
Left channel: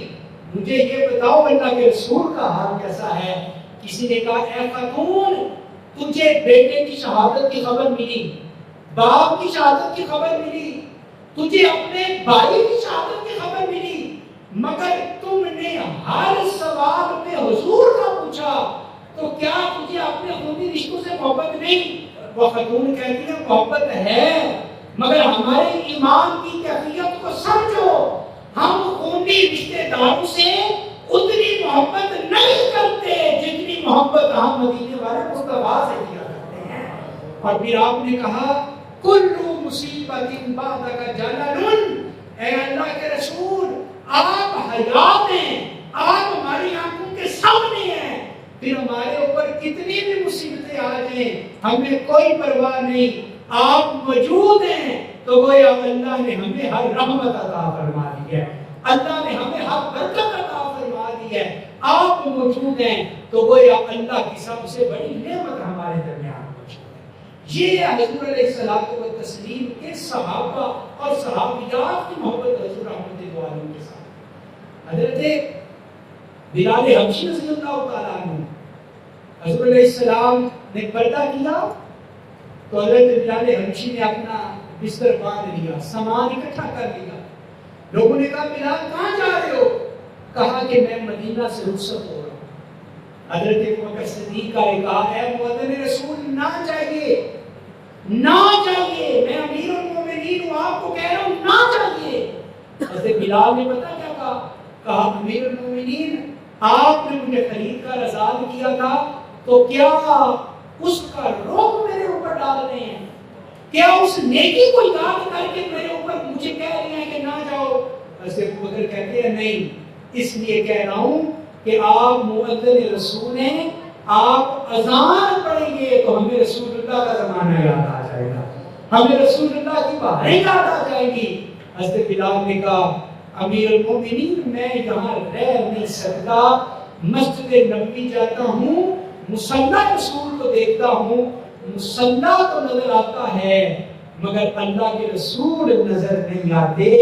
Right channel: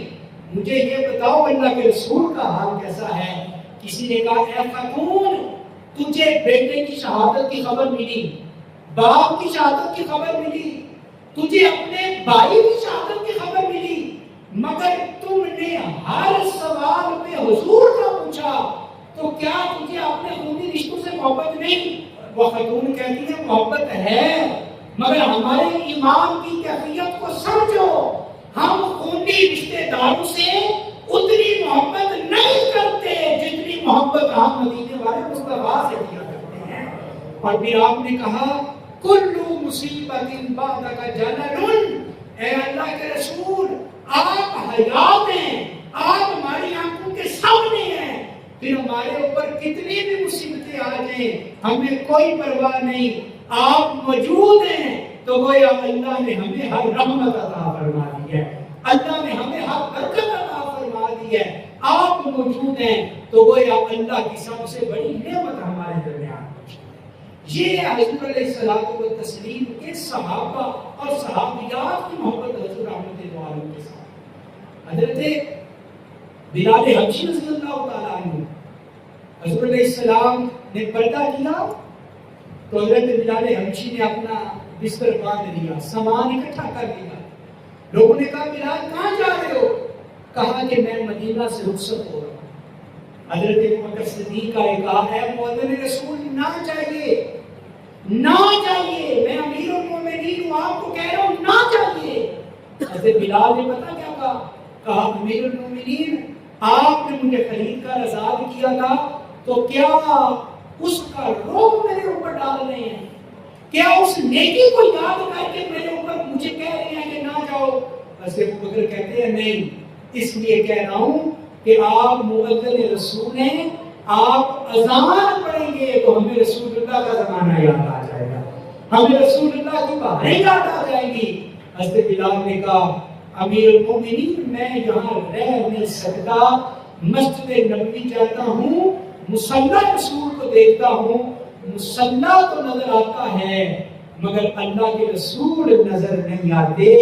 مجھے یہ بتاؤ اللہ کے رسول کا حال کیسا ہے۔ کسی نے کہا اے خاتون، تجھے بیٹے کی شہادت کی خبر ملی، باپ کی شہادت کی خبر ملی، تجھے اپنے بھائی کی شہادت کی خبر ملی، مگر تم نے ہر سوال میں حضور کا پوچھا، تو کیا تجھے اپنے خونی رشتوں سے محبت نہیں؟ وہ خاتون کہتی ہے محبت ہے، مگر ہمارے ایمان کی کیفیت کو سمجھو، ہم خونی رشتے داروں سے اتنی محبت نہیں کرتے جتنی محبت ہم مدینے والے مصطفیٰ سے کیا کرتے ہیں۔ اور پھر آپ نے کہا کلو مصیبت بعدک جلل، اے اللہ کے رسول آپ حیات ہیں، آپ ہماری آنکھوں کے سامنے ہیں، پھر ہمارے اوپر کتنی بھی مصیبتیں آ جائیں ہمیں کوئی پرواہ نہیں، آپ موجود ہیں تو گویا اللہ نے ہمیں ہر رحمت عطا فرما دی ہے، اللہ نے ہمیں ہر برکت عطا فرما دی ہے، آپ موجود ہیں تو گویا اللہ کی سب سے بڑی نعمت ہمارے درمیان موجود ہے۔ یہ حضور علیہ الصلوۃ والتسلیم کے صحابہ اور صحابیات کی محبت حضور رحمت دو عالم کے ساتھ۔ حضرت بلال حبشی رضی اللہ تعالیٰ عنہ، حضور علیہ السلام نے پردہ کیا تو حضرت بلال حبشی نے اپنا بستر باندھ لیا، سامان اکٹھا کر لیا۔ لوگوں نے کہا بلال کہاں جا رہے ہو؟ کہا کہ میں مدینہ سے رخصت ہو رہا ہوں۔ حضرت ابوبکر صدیق کا کہا اے مؤذن رسول نہ جائیے، نہ جائیے، میں امیر المومنین ہوں، آپ کو کہہ رہا ہوں نہ جائیے۔ حضرت بلال نے پتہ کیا کہا؟ کہا امیر المومنین آپ نے مجھے خرید کر آزاد کیا تھا، تو کیا اس کا روب میرے اوپر ڈال رہے ہیں؟ کیا اس نیکی کو یاد کر کے میرے اوپر مجھے کہہ رہے ہیں کہ نہ جاؤ؟ حضرت ابوبکر کہتے ہیں نہیں، اس لیے کہہ رہا ہوں کہ آپ مؤذن رسول ہیں، آپ اذان پڑھیں گے تو ہمیں رسول اللہ کا زمانہ یاد آ جائے گا، ہمیں رسول اللہ کی باتیں یاد آ جائیں گی۔ حضرت بلال نے کہا امیر المومنین میں یہاں رہ نہیں سکتا، مسجد نبوی جاتا ہوں، مصلی رسول کو دیکھتا ہوں، مصلی تو نظر آتا ہے مگر اللہ کے رسول نظر نہیں آتے۔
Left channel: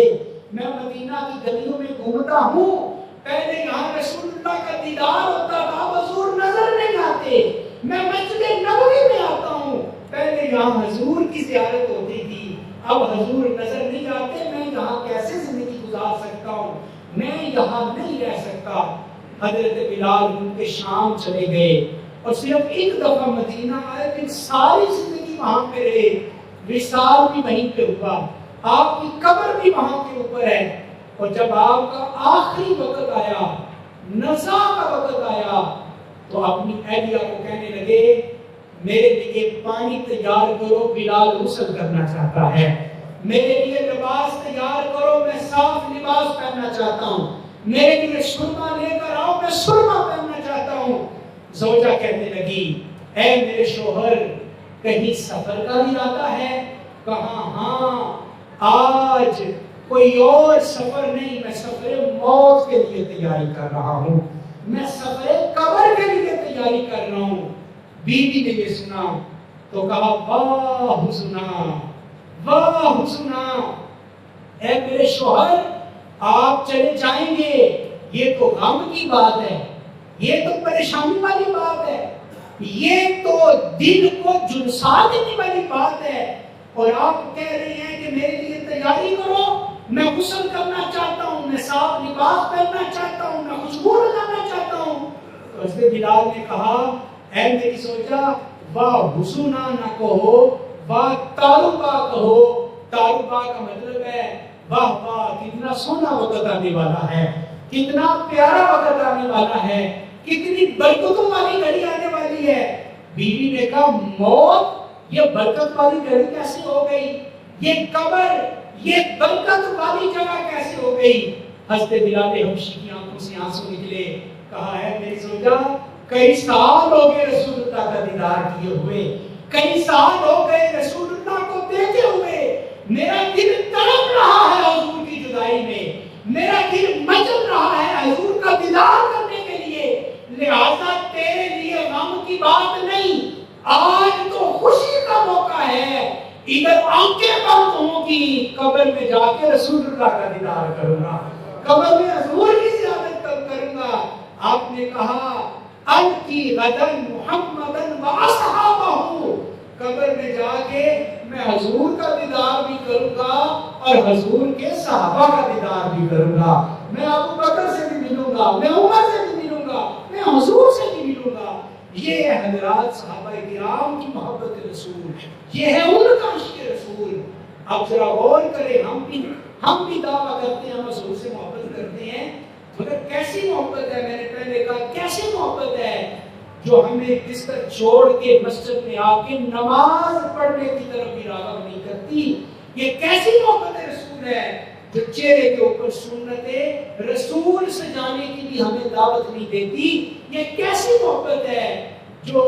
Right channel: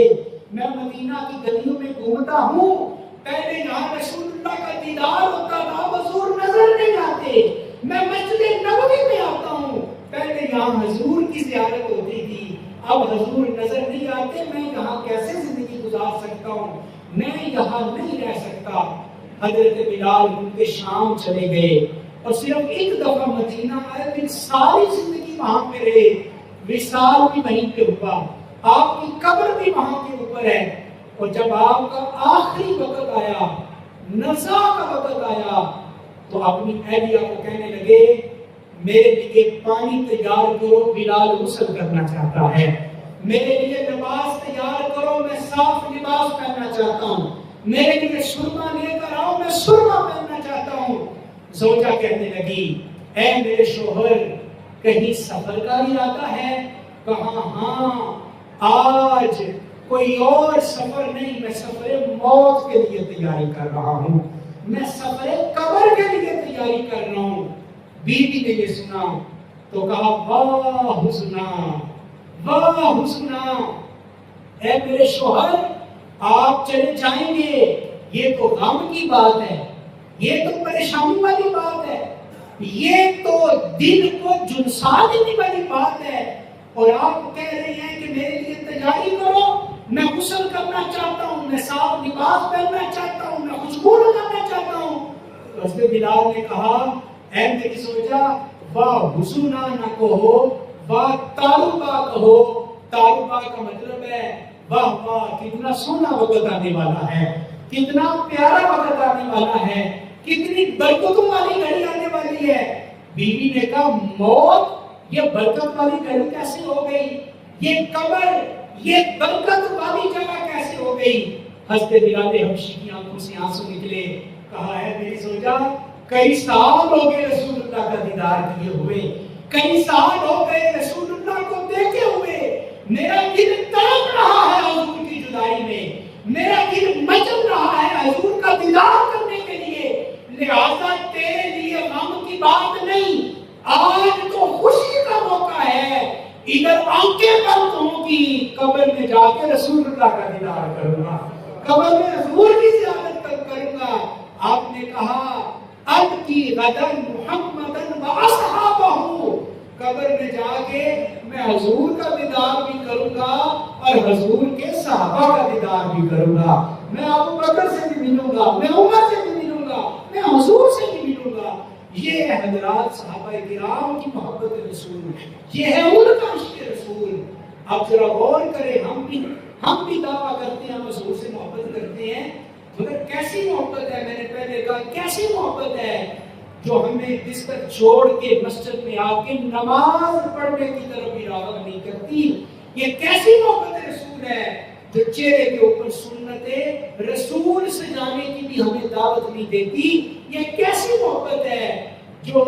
میں مدینہ کی گلیوں میں گھومتا ہوں، پہلے یہاں رسول اللہ کا دیدار ہوتا تھا، حضور نظر نہیں آتے۔ میں مسجد نبوی میں آتا ہوں، پہلے یہاں حضور کی زیارت ہوتی تھی، اب حضور نظر نہیں آتے، میں یہاں کیسے زندگی گزار سکتا ہوں، میں یہاں نہیں رہ سکتا۔ حضرت بلال ان کے شام چلے گئے اور صرف ایک دفعہ مدینہ آئے، پھر ساری زندگی وہاں پہ رہے، وصال بھی وہیں پہ ہوا، آپ کی قبر بھی وہاں کے اوپر ہے۔ اور جب آپ کا آخری وقت آیا، نزا کا وقت آیا، تو اپنی اہلیہ کو کہنے لگے میرے لیے پانی تیار کرو، بلال غسل کرنا چاہتا ہے، میرے لیے لباس تیار کرو، میں صاف لباس پہننا چاہتا ہوں، میرے لیے سرما لے کر آؤ، میں سرما پہننا چاہتا ہوں۔ زوجہ کہنے لگی اے میرے شوہر کہیں سفر کا ارادہ ہے؟ کہا ہاں، آج کوئی اور سفر نہیں، میں سفر موت کے لیے تیاری کر رہا ہوں، میں سفر قبر کے لیے تیاری کر رہا ہوں۔ بیوی نے یہ سنا تو کہا واہ حسنا، واہ حسنا، اے میرے شوہر آپ چلے جائیں گے، یہ تو غم کی بات ہے، یہ تو پریشانی والی بات ہے، یہ تو دل کو جھنسا دینے والی بات ہے، اور آپ کہہ رہے ہیں کہ میرے لیے تیاری کرو، میں غسل کرنا چاہتا ہوں، میں صاف لباس پہننا چاہتا ہوں، میں خوشبو لگانا چاہتا ہوں۔ تو حضرت بلال نے کہا اے میری زوجہ واہ حسنا نہ کہو، واہ تاربا کہو۔ تاربا کا مطلب ہے واہ واہ کتنا سونا وقت آنے والا ہے، کتنا پیارا وقت آنے والا ہے، کتنی برکتوں والی گھڑی آنے والی ہے۔ بیوی نے کہا موت یہ برکت والی گھڑی کیسے ہو گئی، یہ قبر یہ برکت والی جگہ کیسے ہو گئی؟ حضرت بلال حبشی کی آنکھوں سے آنسو نکلے، کہا ہے میری زوجہ کئی سال ہو گئے رسول اللہ کا دیدار کیے ہوئے، کئی سال ہو گئے رسول اللہ کو دیکھے ہوئے، میرا دل تڑپ رہا ہے حضور کی جدائی میں، میرا دل مچل رہا ہے حضور کا دیدار کرنے کے لیے، لہذا تیرے لیے غم کی بات نہیں، آج تو خوشی کا موقع ہے، ادھر آنکھیں بند ہوں گی، قبر میں جا کے رسول اللہ کا دیدار کروں گا، قبر میں حضور کی زیارت کروں گا۔ آپ نے کہا القی غدن محمدن و اصحابہ، قبر میں جا کے میں حضور کا دیدار بھی کروں گا اور حضور کے صحابہ کا دیدار بھی کروں گا، میں ابو بکر سے بھی ملوں گا، میں عمر سے بھی ملوں گا، میں حضور سے بھی ملوں گا۔ یہ ہے حضرات صحابہ کرام کی محبت رسول، یہ ہے ان کا عشق رسول۔ اب ذرا غور کریں، ہم بھی دعویٰ کرتے ہیں ہم حضور سے محبت کرتے ہیں، مگر کیسی محبت ہے؟ میں نے پہلے کہا کیسی محبت ہے جو ہمیں بستر چھوڑ کے مسجد میں آ کے نماز پڑھنے کی طرف بھی راغب نہیں کرتی۔ یہ کیسی محبت رسول ہے جو چہرے کے اوپر سنت رسول سجانے کی بھی ہمیں دعوت نہیں دیتی؟ یہ کیسی محبت ہے جو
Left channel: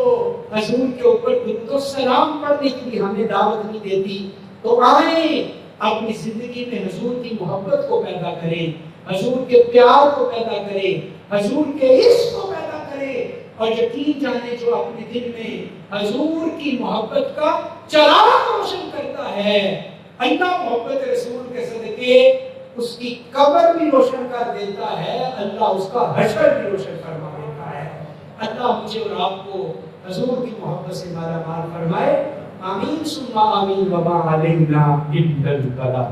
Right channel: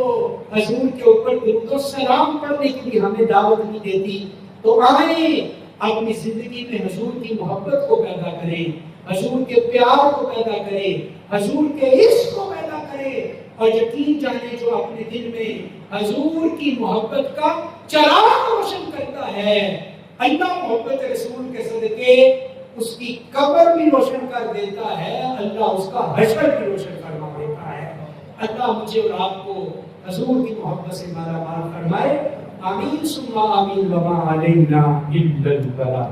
حضور کے اوپر درود و سلام پڑھنے کی بھی ہمیں دعوت نہیں دیتی؟ تو آئیں اپنی زندگی میں حضور کی محبت کو پیدا کریں، حضور کے پیار کو پیدا کریں، حضور کے عشق کو پیدا کریں، اور یقین جانے جو اپنے دل میں حضور کی محبت کا چراغ روشن کرتا ہے، اللہ محبت رسول کے صدقے اس کی قبر بھی روشن کر دیتا ہے، اللہ اس کا حشر بھی روشن فرما دیتا ہے۔ اللہ مجھے اور آپ کو حضور کی محبت سے مالا مال فرمائے، آمین ثم آمین، وما علینا الا البلاغ۔